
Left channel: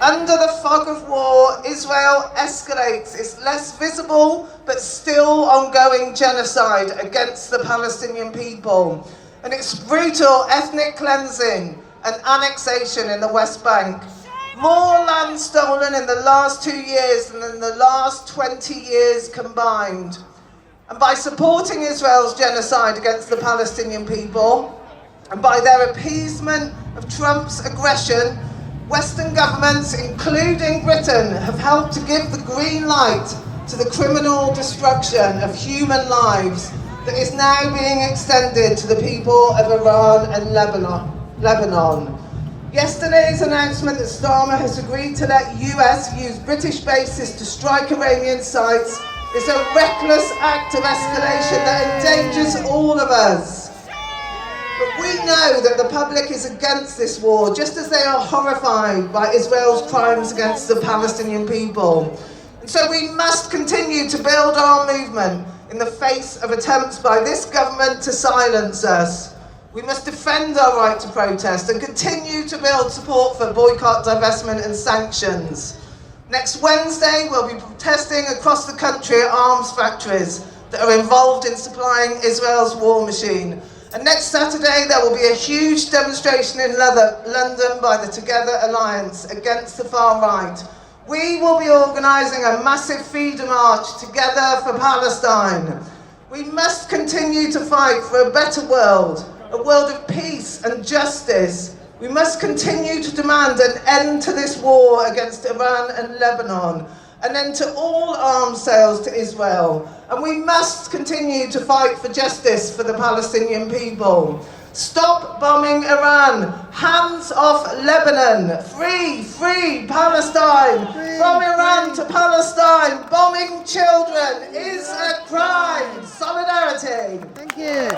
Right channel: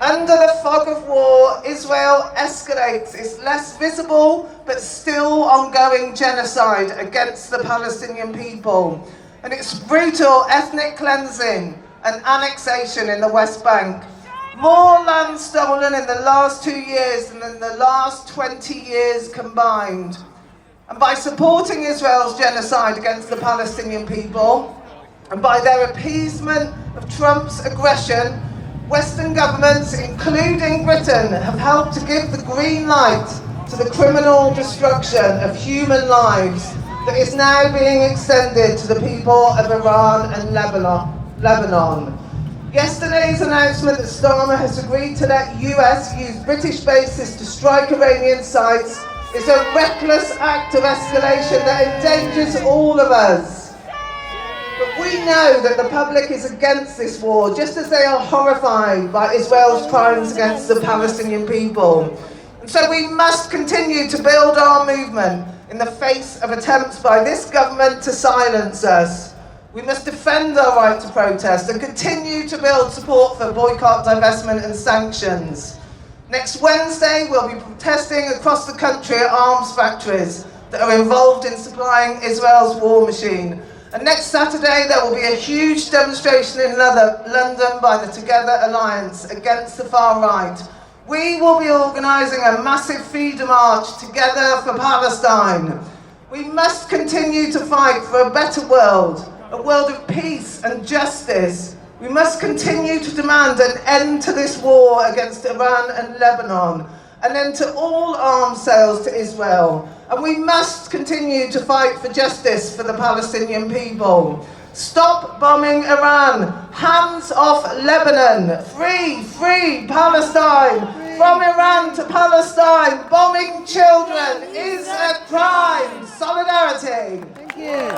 Under the fog of war, Israel escalates its less visible but still ongoing genocide against the Palestinian people and its brutal ethnic cleansing and annexation in the West Bank. More land stolen in the last 2 years than in the last 20 years combined. And by supporting Israel's genocide against the Palestinian people, and by their appeasement of Trump's aggression, Western governments, including Britain, have helped to give the green light to the criminal destruction of human lives that is now being extended to the people of Iran and Lebanon. Yesterday's announcement that Starmer has agreed to let US use British bases to strike Iranian sites is a reckless act of escalation that endangers all of us. But we know that the public is against this war, just as they are horrified by Israel's crimes against the Palestinian people. And so we must continue to build our movement in the face of attempts by this government to silence us. We must defend our right to protest and continue to build support for boycott, divestment and sanctions. Next Wednesday, we'll be protesting across the country at arms factories that are involved in supplying Israel's war machine. And next Saturday, there will be a huge demonstration in London by the Together Alliance against the far right. We will be organising a massive feeder march together for Palestine. We must continue to fight for a better world, a world of peace and justice. We must continue to demand an end to this war against Iran and Lebanon, an end to all arms sales to Israel. And we must continue to fight for justice for the Palestinian people. Stop bombing Iran. Hands off Lebanon. Free, free Palestine. From Iran to Palestine, bombing children is a crime. Solidarity. Thank you.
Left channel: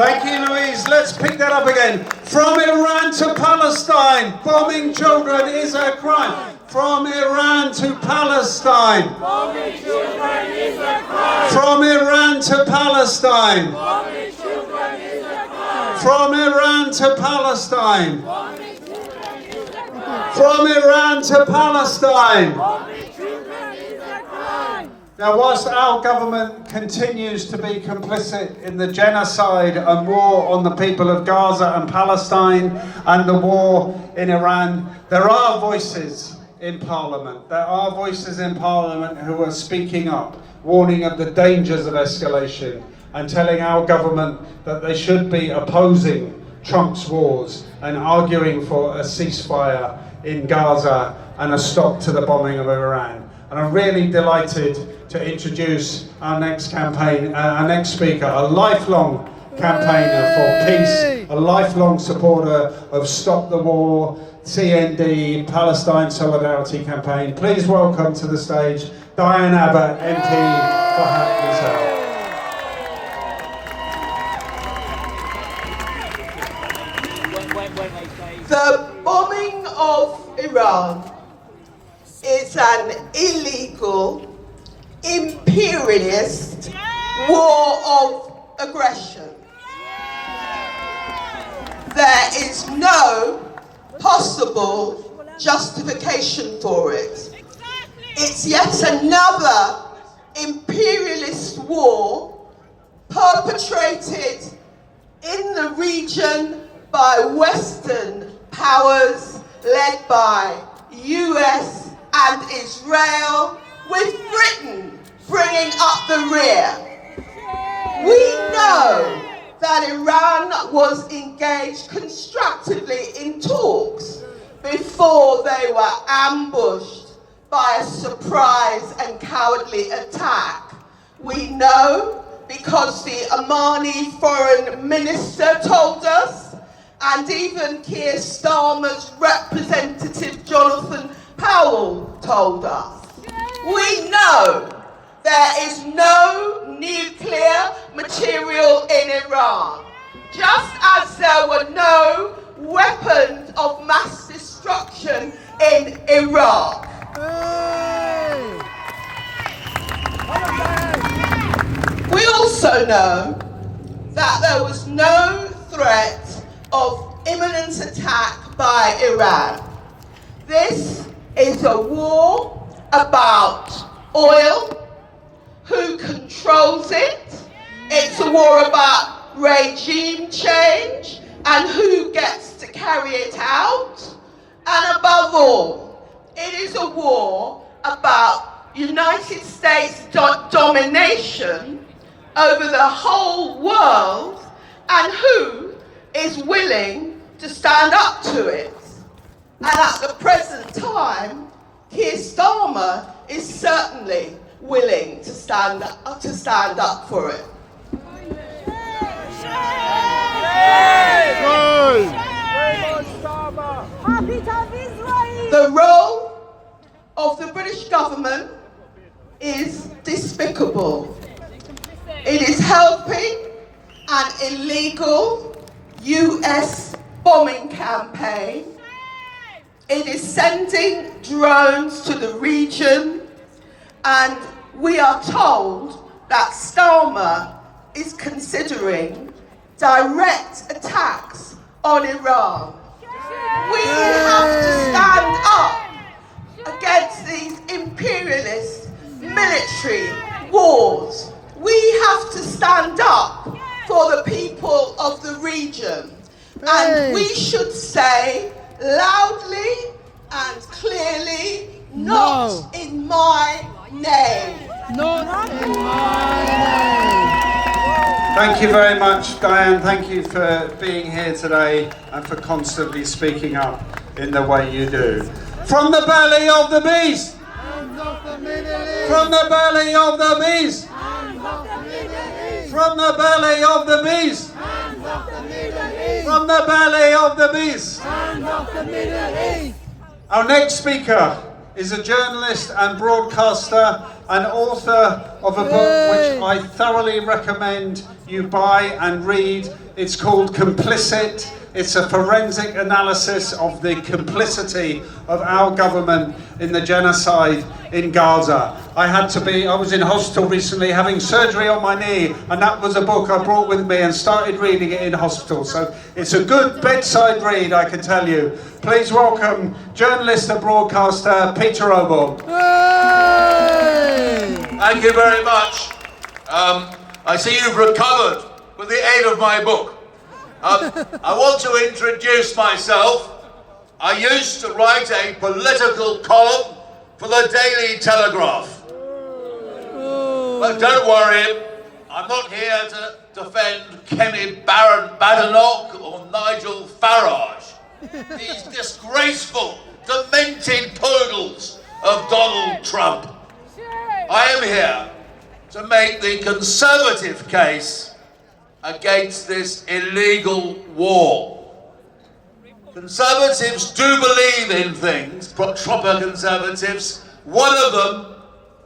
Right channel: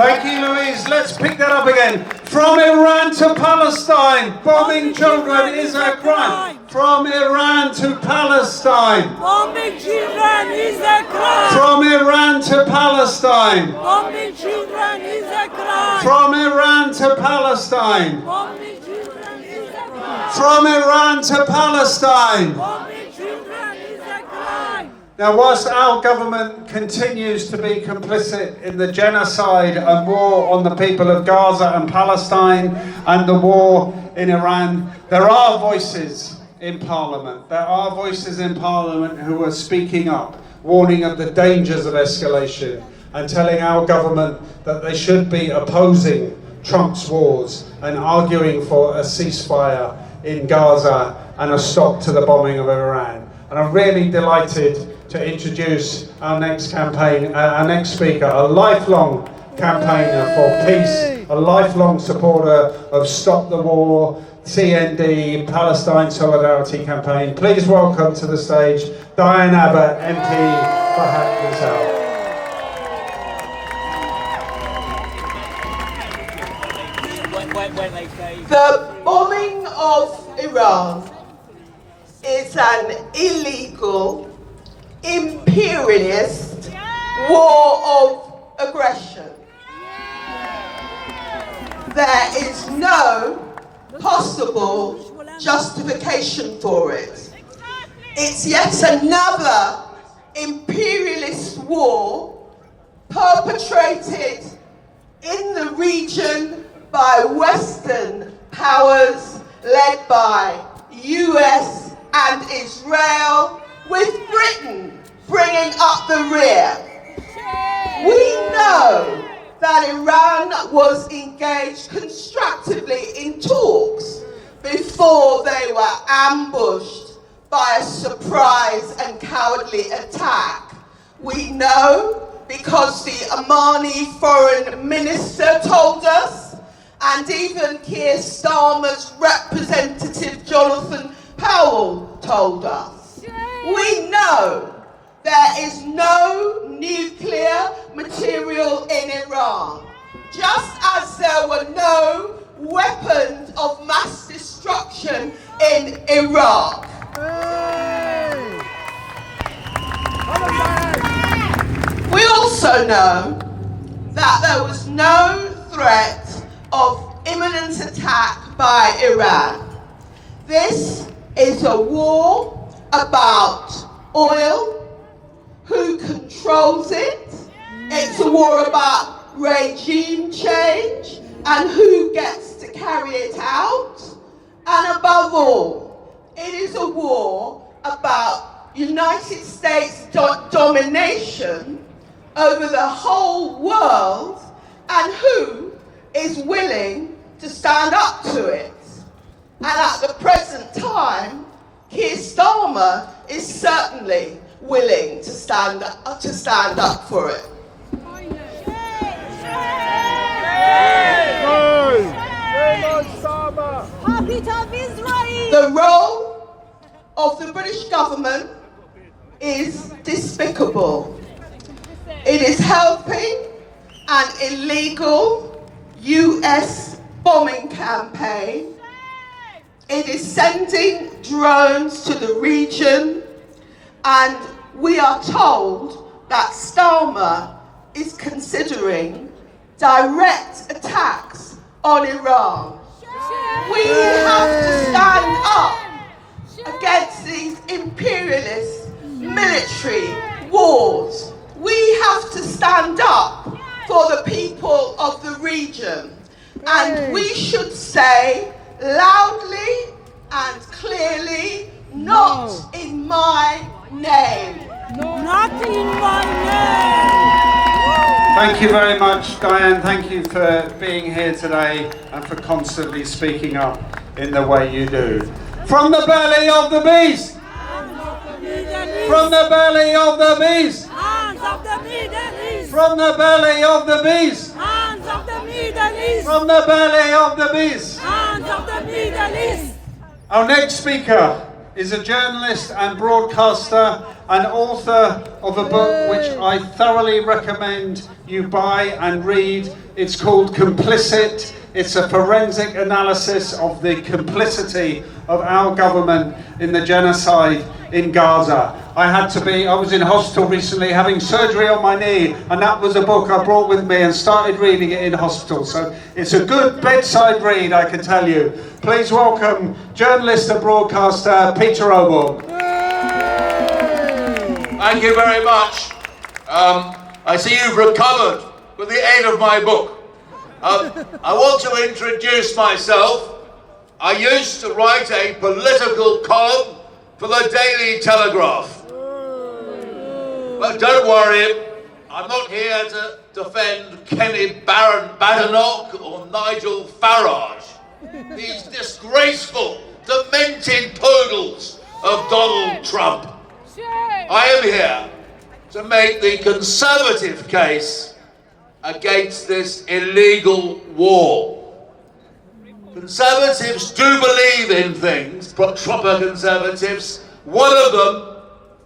Thank you, Louise. Let's pick that up again. From Iran to Palestine, bombing children is a crime. From Iran to Palestine. Bombing children is a crime. From Iran to Palestine. Bombing children is a crime. From Iran to Palestine. Bombing children is a crime. From Iran to Palestine. Bombing children is a crime. Now, whilst our government continues to be complicit in the genocide and war on the people of Gaza and Palestine and the war in Iran, there are voices in Parliament. There are voices in Parliament who are speaking up, warning of the dangers of escalation and telling our government that they should be opposing Trump's wars and arguing for a ceasefire in Gaza and a stop to the bombing of Iran. And I'm really delighted to introduce our next speaker, a lifelong campaigner for peace, a lifelong supporter of Stop the War, CND, Palestine Solidarity Campaign. Please welcome to the stage Diane Abbott, MP for Hackney South. The bombing of Iran is an illegal, imperialist war of aggression. There is no possible justification for it. It's yet another imperialist war perpetrated in the region by Western powers led by US and Israel, with Britain bringing up the rear. We know that Iran was engaged constructively in talks before they were ambushed by a surprise and cowardly attack. We know because the Omani foreign minister told us, and even Keir Starmer's representative Jonathan Powell told us. We know there is no nuclear material in Iran, just as there were no weapons of mass destruction in Iraq. We also know that there was no threat of imminent attack by Iran. This is a war about oil, who controls it. It's a war about regime change and who gets to carry it out. And above all, it is a war about United States domination over the whole world and who is willing to stand up to it. And at the present time, Keir Starmer is certainly willing to stand up for it. The role of the British government is despicable. It is helping an illegal US bombing campaign. It is sending drones to the region, and we are told that Starmer is considering direct attacks on Iran. We have to stand up against these imperialist military wars. We have to stand up for the people of the region. And we should say loudly and clearly, not in my name. Not in my name. Thank you very much, Diane. Thank you for being here today and for constantly speaking up in the way you do. From the belly of the beast! From the belly of the beast! From the belly of the beast! From the belly of the beast! Our next speaker is a journalist and broadcaster and author of a book which I thoroughly recommend you buy and read. It's called Complicit. It's a forensic analysis of the complicity of our government in the genocide in Gaza. I was in hospital recently having surgery on my knee, and that was a book I brought with me and started reading it in hospital. So it's a good bedside read, I can tell you. Please welcome journalist and broadcaster Peter Oborne. Thank you very much. I see you've recovered with the aid of my book. I want to introduce myself. I used to write a political column for the Daily Telegraph. But don't worry, I'm not here to defend Kenny Badenoch or Nigel Farage, these disgraceful, demented poodles of Donald Trump. I am here to make the Conservative case against this illegal war. Conservatives do believe in things, proper Conservatives. One of them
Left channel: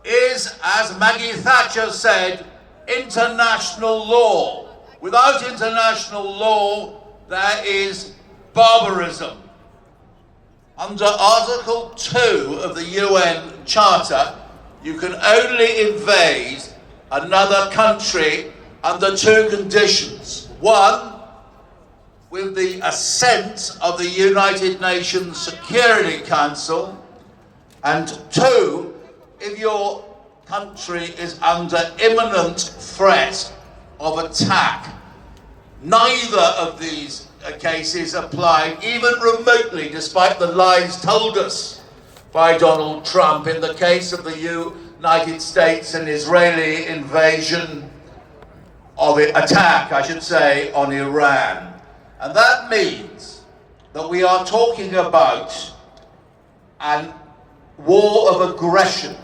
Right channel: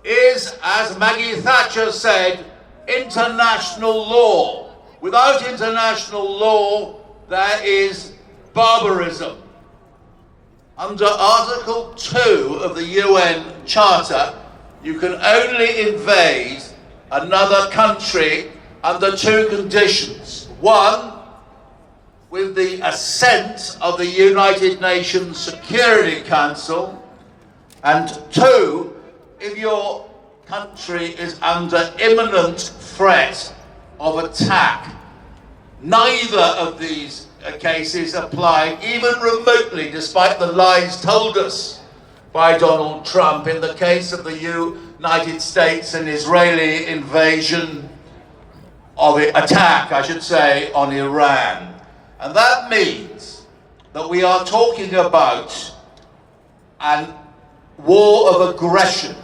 is, as Maggie Thatcher said, international law. Without international law, there is barbarism. Under Article 2 of the UN Charter, you can only invade another country under two conditions. One, with the assent of the United Nations Security Council, and two, if your country is under imminent threat of attack. Neither of these cases apply even remotely, despite the lies told us by Donald Trump in the case of the United States and Israeli invasion of the attack, I should say, on Iran. And that means that we are talking about a war of aggression.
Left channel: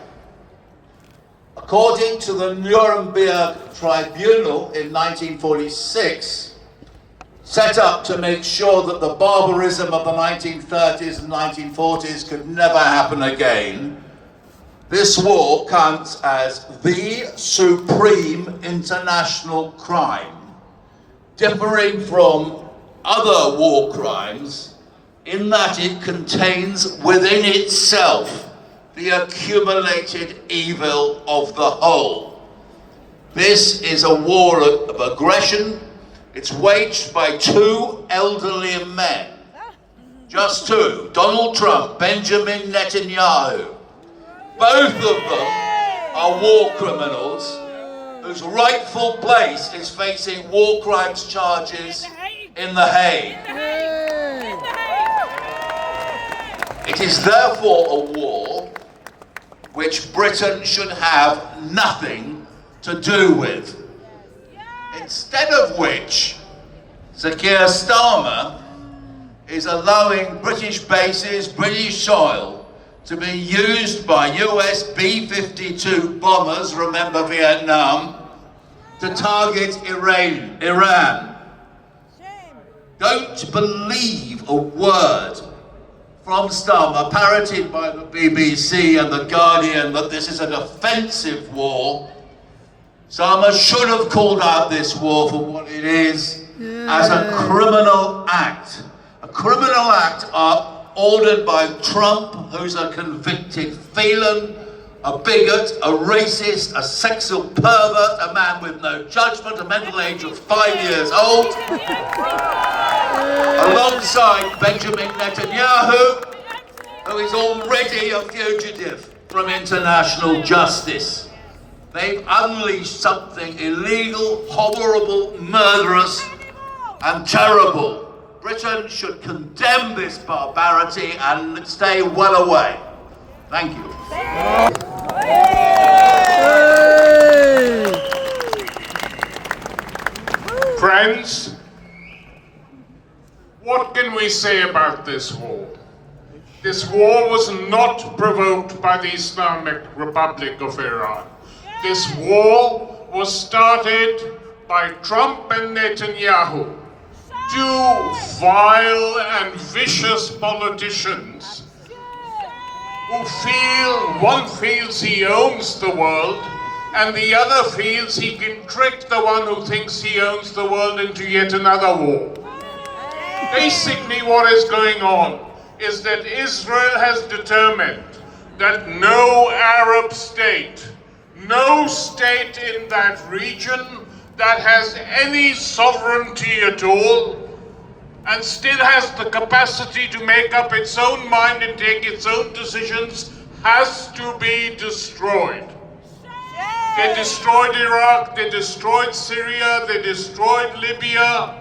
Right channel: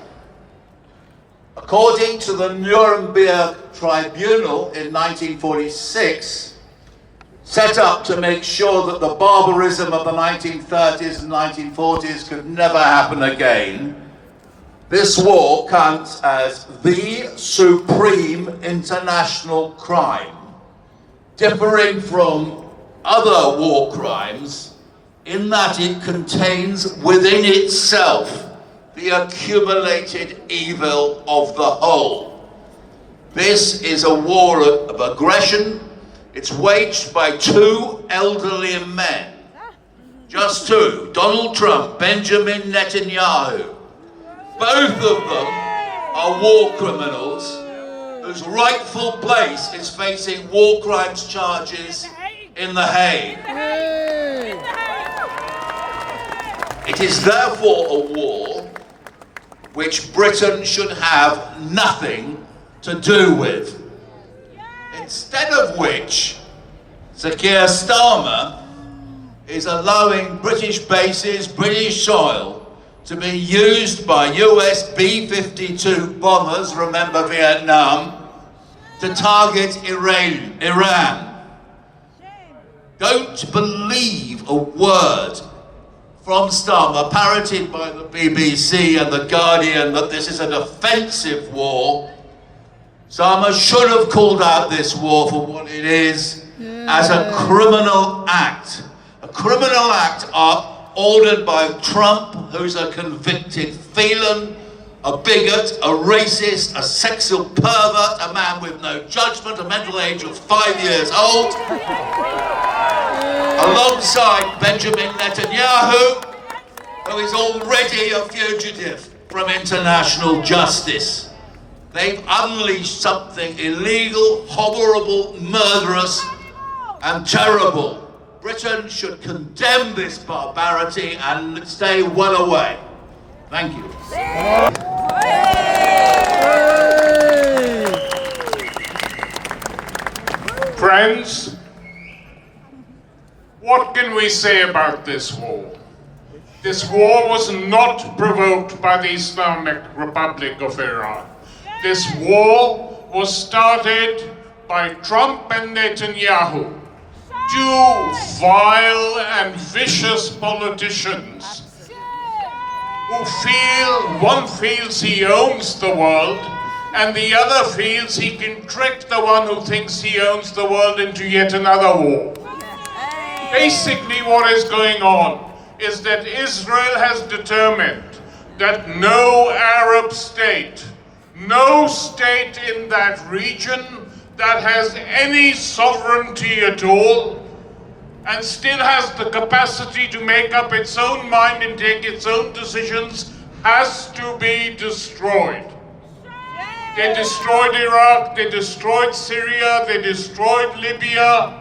According to the Nuremberg Tribunal in 1946, set up to make sure that the barbarism of the 1930s and 1940s could never happen again, this war counts as the supreme international crime, differing from other war crimes in that it contains within itself the accumulated evil of the whole. This is a war of aggression, It's waged by two elderly men. Just two. Donald Trump, Benjamin Netanyahu. Both of them are war criminals whose rightful place is facing war crimes charges in The Hague. It is therefore a war which Britain should have nothing to do with. Instead of which, Sir Keir Starmer is allowing British bases, British soil, to be used by US B-52 bombers, remember Vietnam, to target Iran. Don't believe a word from Starmer, parroted by the BBC and The Guardian, that this is a defensive war. Starmer should have called out this war for what it is, as a criminal act. A criminal act ordered by Trump, who's a convicted felon, a bigot, a racist, a sexual pervert, a man with no judgment, a mental age of 5 years old, alongside Benjamin Netanyahu, who is already a fugitive from international justice. They've unleashed something illegal, horrible, murderous, and terrible. Britain should condemn this barbarity and stay well away. Thank you. Friends, what can we say about this war? This war was not provoked by the Islamic Republic of Iran. This war was started by Trump and Netanyahu, two vile and vicious politicians who one feels he owns the world, and the other feels he can trick the one who thinks he owns the world into yet another war. Basically, what is going on is that Israel has determined that no Arab state, no state in that region that has any sovereignty at all and still has the capacity to make up its own mind and take its own decisions has to be destroyed. They destroyed Iraq, they destroyed Syria, they destroyed Libya,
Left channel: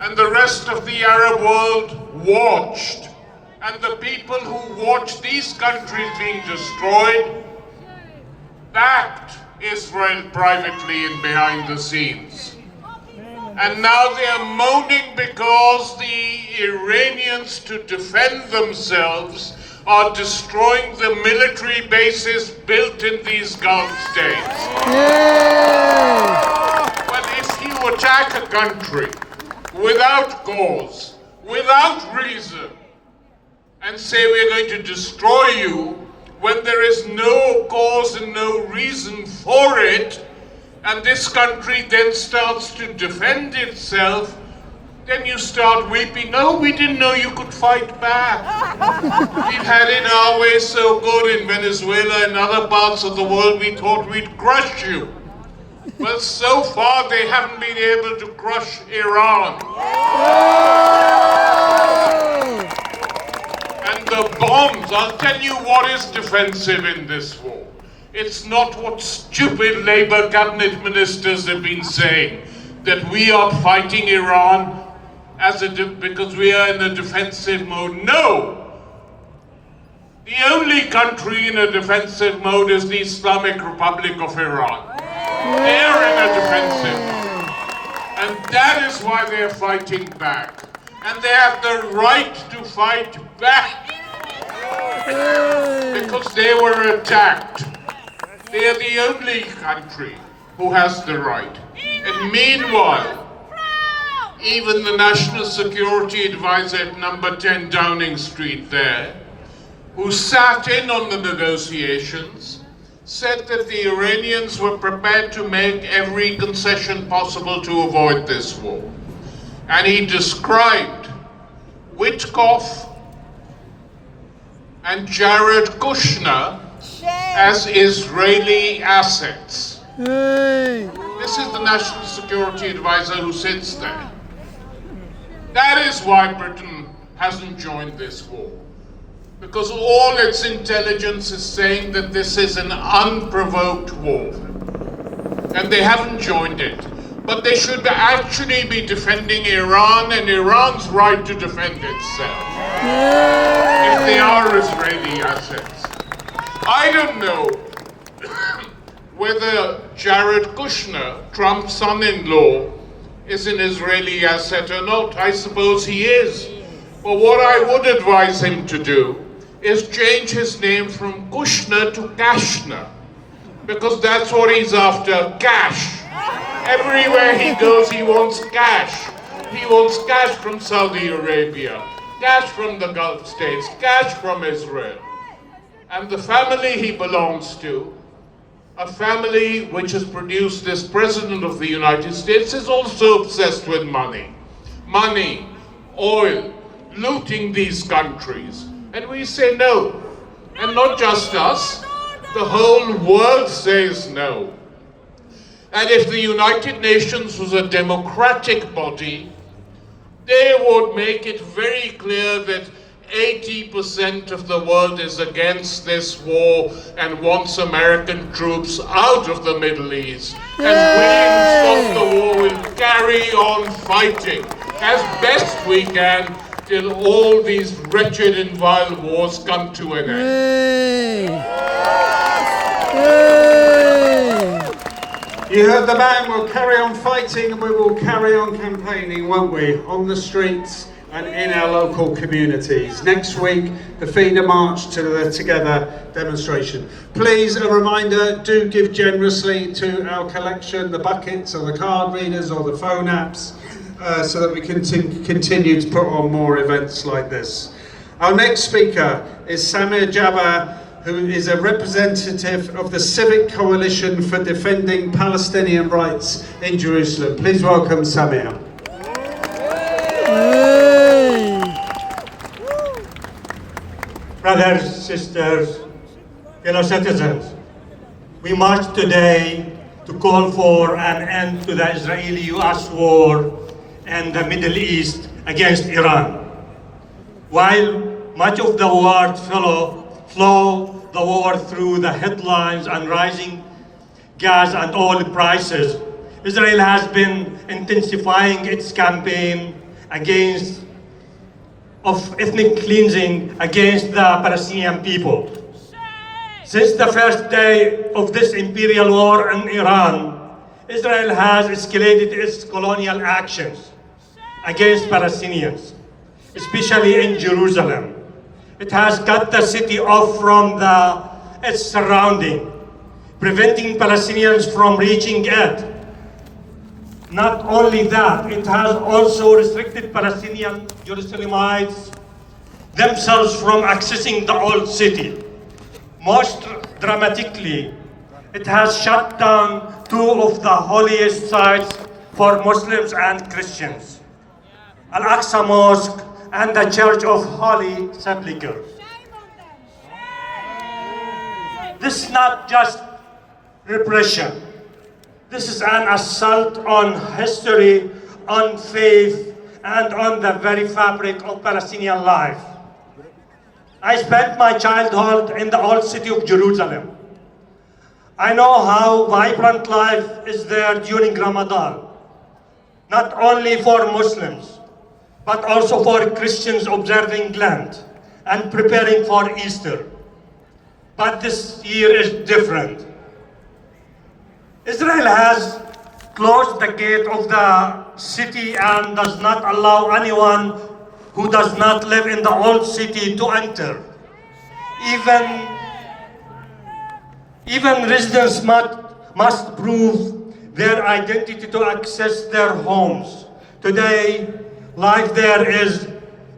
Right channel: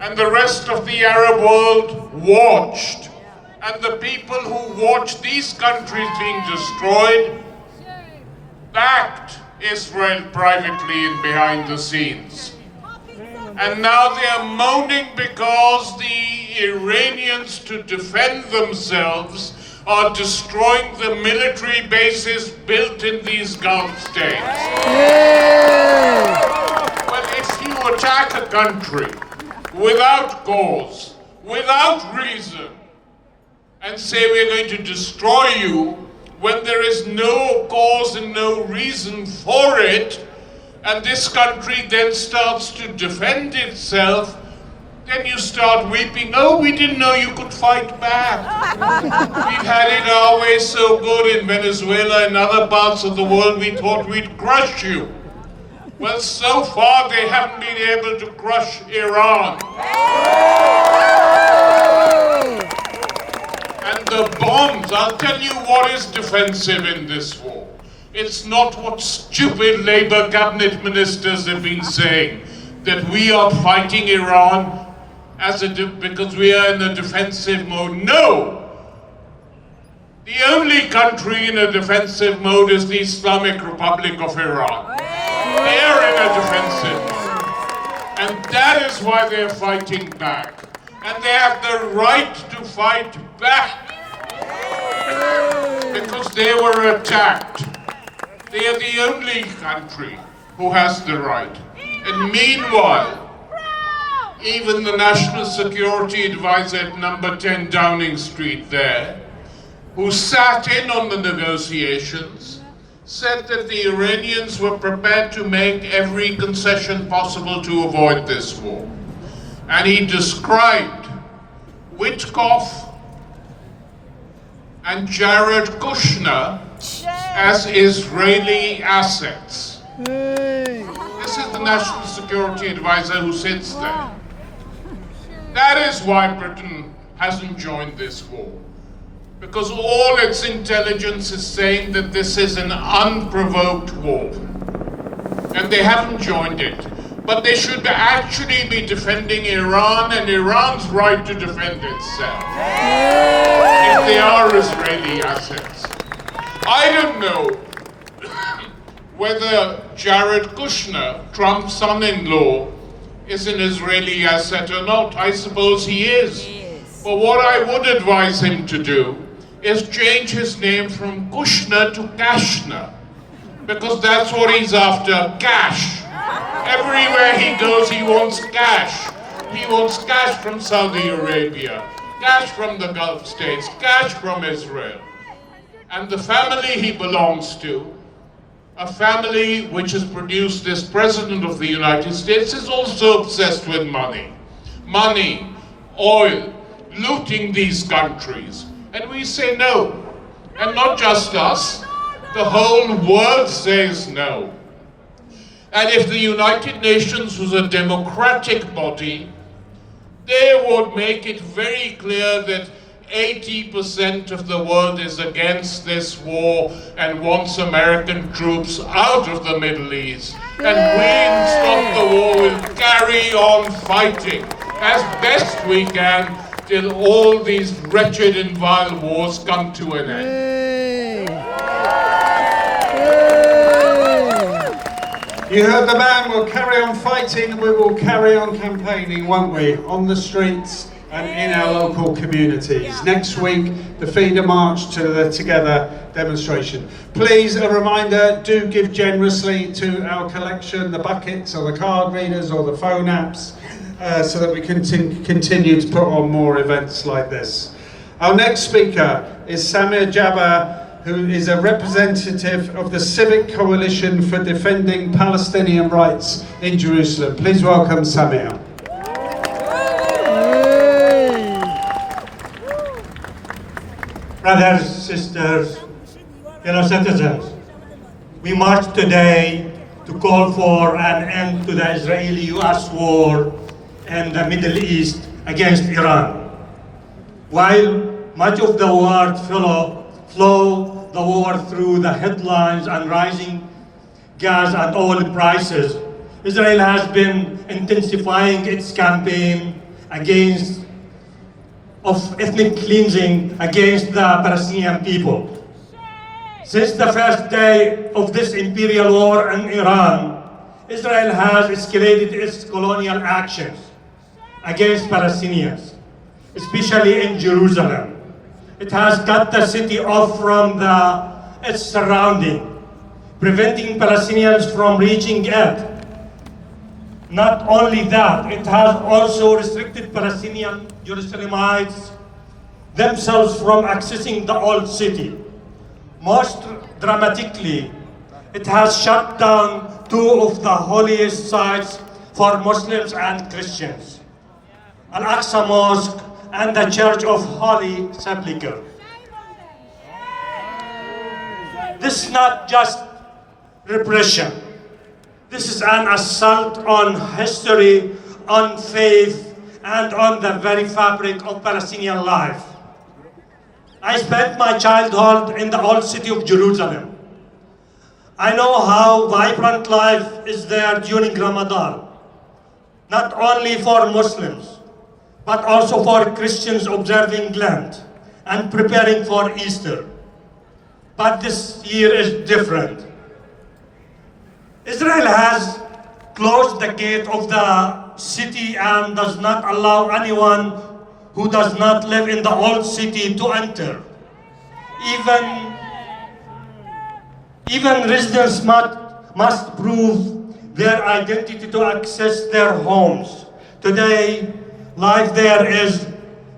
and the rest of the Arab world watched. And the people who watched these countries being destroyed backed Israel privately and behind the scenes. And now they are moaning because the Iranians, to defend themselves, are destroying the military bases built in these Gulf states. Well, if you attack a country without cause, without reason, and say we're going to destroy you, when there is no cause and no reason for it, and this country then starts to defend itself, then you start weeping, oh, we didn't know you could fight back. We've had it our way so good in Venezuela and other parts of the world, we thought we'd crush you. Well, so far they haven't been able to crush Iran. And the bombs, I'll tell you what is defensive in this war. It's not what stupid Labour cabinet ministers have been saying, that we are fighting Iran because we are in a defensive mode. No! The only country in a defensive mode is the Islamic Republic of Iran. They're in a defensive mode. And that is why they're fighting back. And they have the right to fight back. Because they were attacked. They are the only country who has the right. And meanwhile, even the National Security Advisor at number 10 Downing Street there, who sat in on the negotiations, said that the Iranians were prepared to make every concession possible to avoid this war. And he described Witkoff and Jared Kushner as Israeli assets. This is the National Security Advisor who sits there. That is why Britain hasn't joined this war. Because all its intelligence is saying that this is an unprovoked war. And they haven't joined it. But they should actually be defending Iran and Iran's right to defend itself. If they are Israeli assets. I don't know whether Jared Kushner, Trump's son-in-law, is an Israeli asset or not. I suppose he is. But what I would advise him to do is change his name from Kushner to Kashner, because that's what he's after, cash. Everywhere he goes, he wants cash. He wants cash from Saudi Arabia, cash from the Gulf states, cash from Israel. And the family he belongs to, a family which has produced this President of the United States, is also obsessed with money. Money, oil, looting these countries. And we say no. And not just us, the whole world says no. And if the United Nations was a democratic body, they would make it very clear that 80% of the world is against this war and wants American troops out of the Middle East. And we, in Stop the War, will carry on fighting as best we can till all these wretched and vile wars come to an end. You heard the man. We'll carry on fighting and we will carry on campaigning, won't we? On the streets and in our local communities. Next week, the feeder march to the Together demonstration. Please, a reminder, do give generously to our collection, the buckets or the card readers or the phone apps, so that we can continue to put on more events like this. Our next speaker is Samir Jabbar, who is a representative of the Civic Coalition for Defending Palestinian Rights in Jerusalem. Please welcome Samir. Brothers, sisters, fellow citizens, we march today to call for an end to the Israeli-US war in the Middle East against Iran. While much of the world flow the war through the headlines and rising gas and oil prices, Israel has been intensifying its campaign of ethnic cleansing against the Palestinian people. Since the first day of this imperial war in Iran, Israel has escalated its colonial actions against Palestinians, especially in Jerusalem. It has cut the city off from its surrounding, preventing Palestinians from reaching it. Not only that, it has also restricted Palestinian Jerusalemites themselves from accessing the old city. Most dramatically, it has shut down two of the holiest sites for Muslims and Christians, Al-Aqsa Mosque and the Church of Holy Sepulchre. This is not just repression. This is an assault on history, on faith, and on the very fabric of Palestinian life. I spent my childhood in the old city of Jerusalem. I know how vibrant life is there during Ramadan, not only for Muslims, but also for Christians observing Lent and preparing for Easter. But this year is different. Israel has closed the gate of the city and does not allow anyone who does not live in the old city to enter. Even residents must prove their identity to access their homes. Today, life there is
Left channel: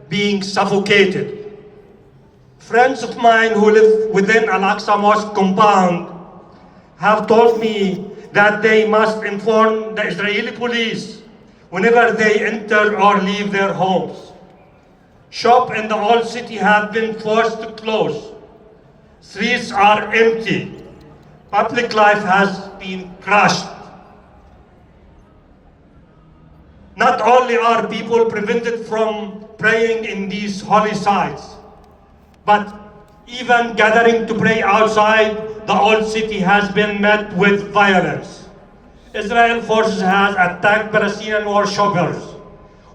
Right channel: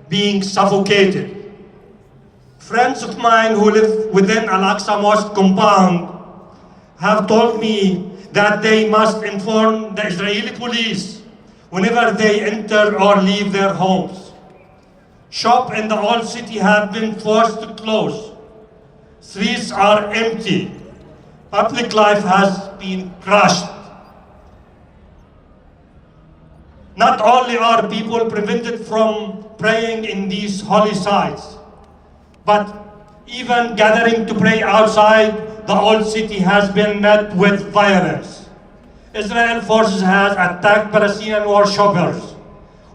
being suffocated. Friends of mine who live within Al-Aqsa Mosque compound have told me that they must inform the Israeli police whenever they enter or leave their homes. Shops in the old city have been forced to close. Streets are empty. Public life has been crushed. Not only are people prevented from praying in these holy sites, but even gathering to pray outside the old city has been met with violence. Israel forces has attacked Palestinian worshippers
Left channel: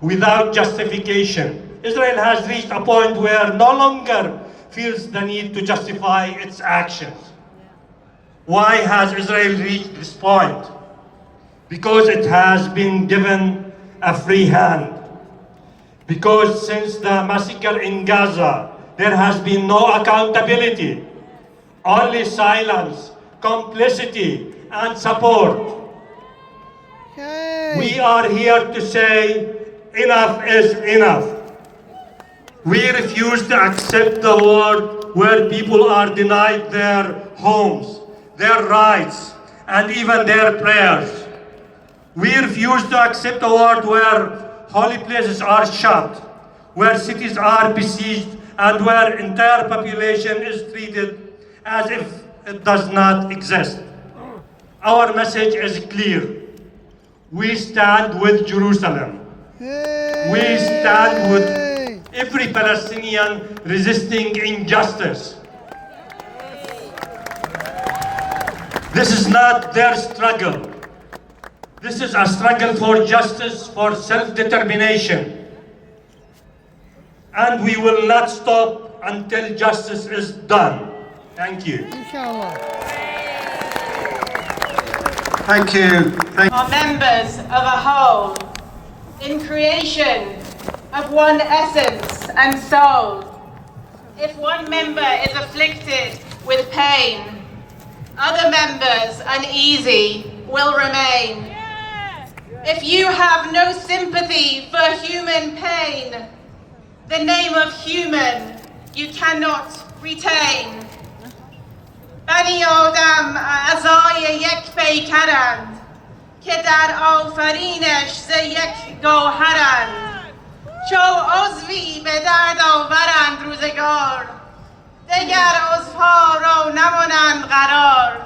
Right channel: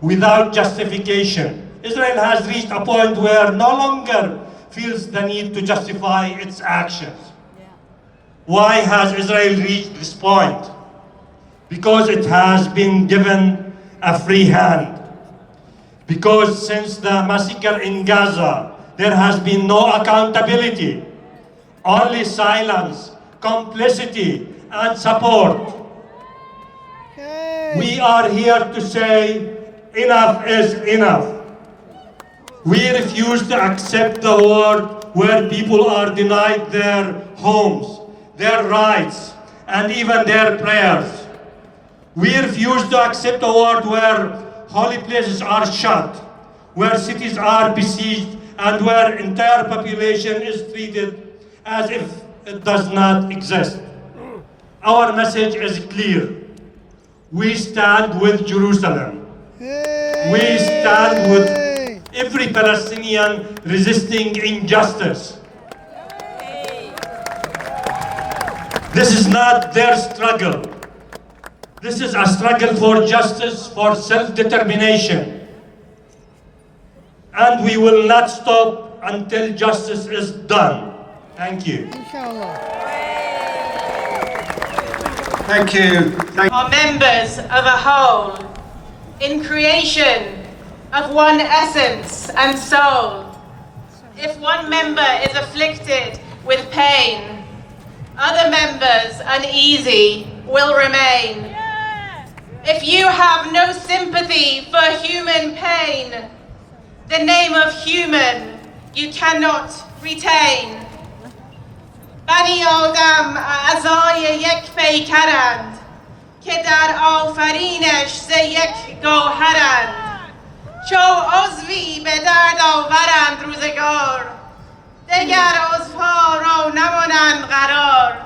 without justification. Israel has reached a point where no longer feels the need to justify its actions. Why has Israel reached this point? Because it has been given a free hand. Because since the massacre in Gaza, there has been no accountability, only silence, complicity, and support. We are here to say enough is enough. We refuse to accept the world where people are denied their homes, their rights, and even their prayers. We refuse to accept a world where holy places are shut, where cities are besieged, and where entire population is treated as if it does not exist. Our message is clear. We stand with Jerusalem. We stand with every Palestinian resisting injustice. This is not their struggle. This is a struggle for justice, for self-determination. And we will not stop until justice is done. Thank you. Thank you. Are members of a whole, in creation of one essence and soul. If one member is afflicted with pain, other members uneasy will remain. If you have no sympathy for human pain, the name of human you cannot retain. بنی آدم اعضای یک پیکرند که در آفرینش ز یک گوهرند. چو عضوی به درد آورند روزگار، دگر عضوها را نمانند قرار.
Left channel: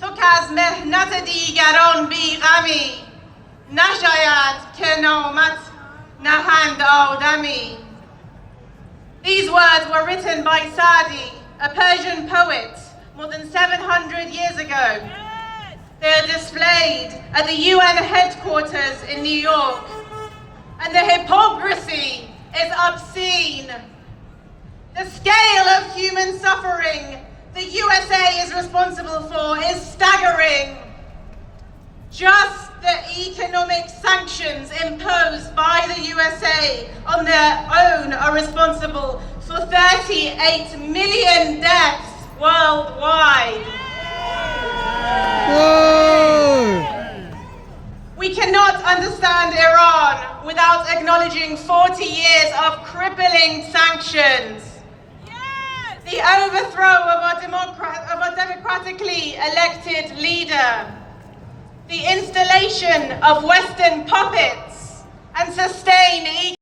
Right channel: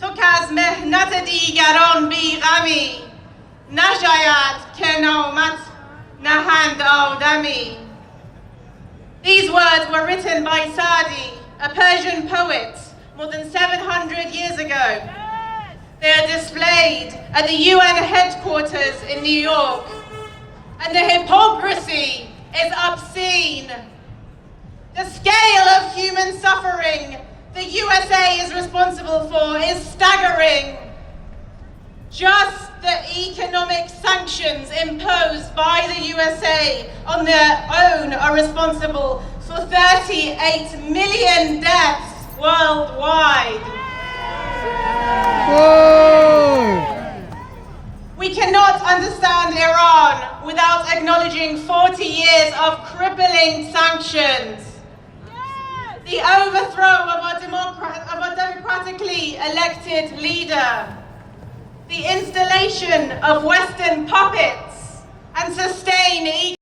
تو که از محنت دیگران بیغمی، نشاید که نامت نهند آدمی. These words were written by Sadi, a Persian poet, more than 700 years ago. They are displayed at the UN headquarters in New York. And the hypocrisy is obscene. The scale of human suffering the USA is responsible for is staggering. Just the economic sanctions imposed by the USA on their own are responsible for 38 million deaths worldwide. We cannot understand Iran without acknowledging 40 years of crippling sanctions. The overthrow of a democratically elected leader. The installation of Western puppets and sustained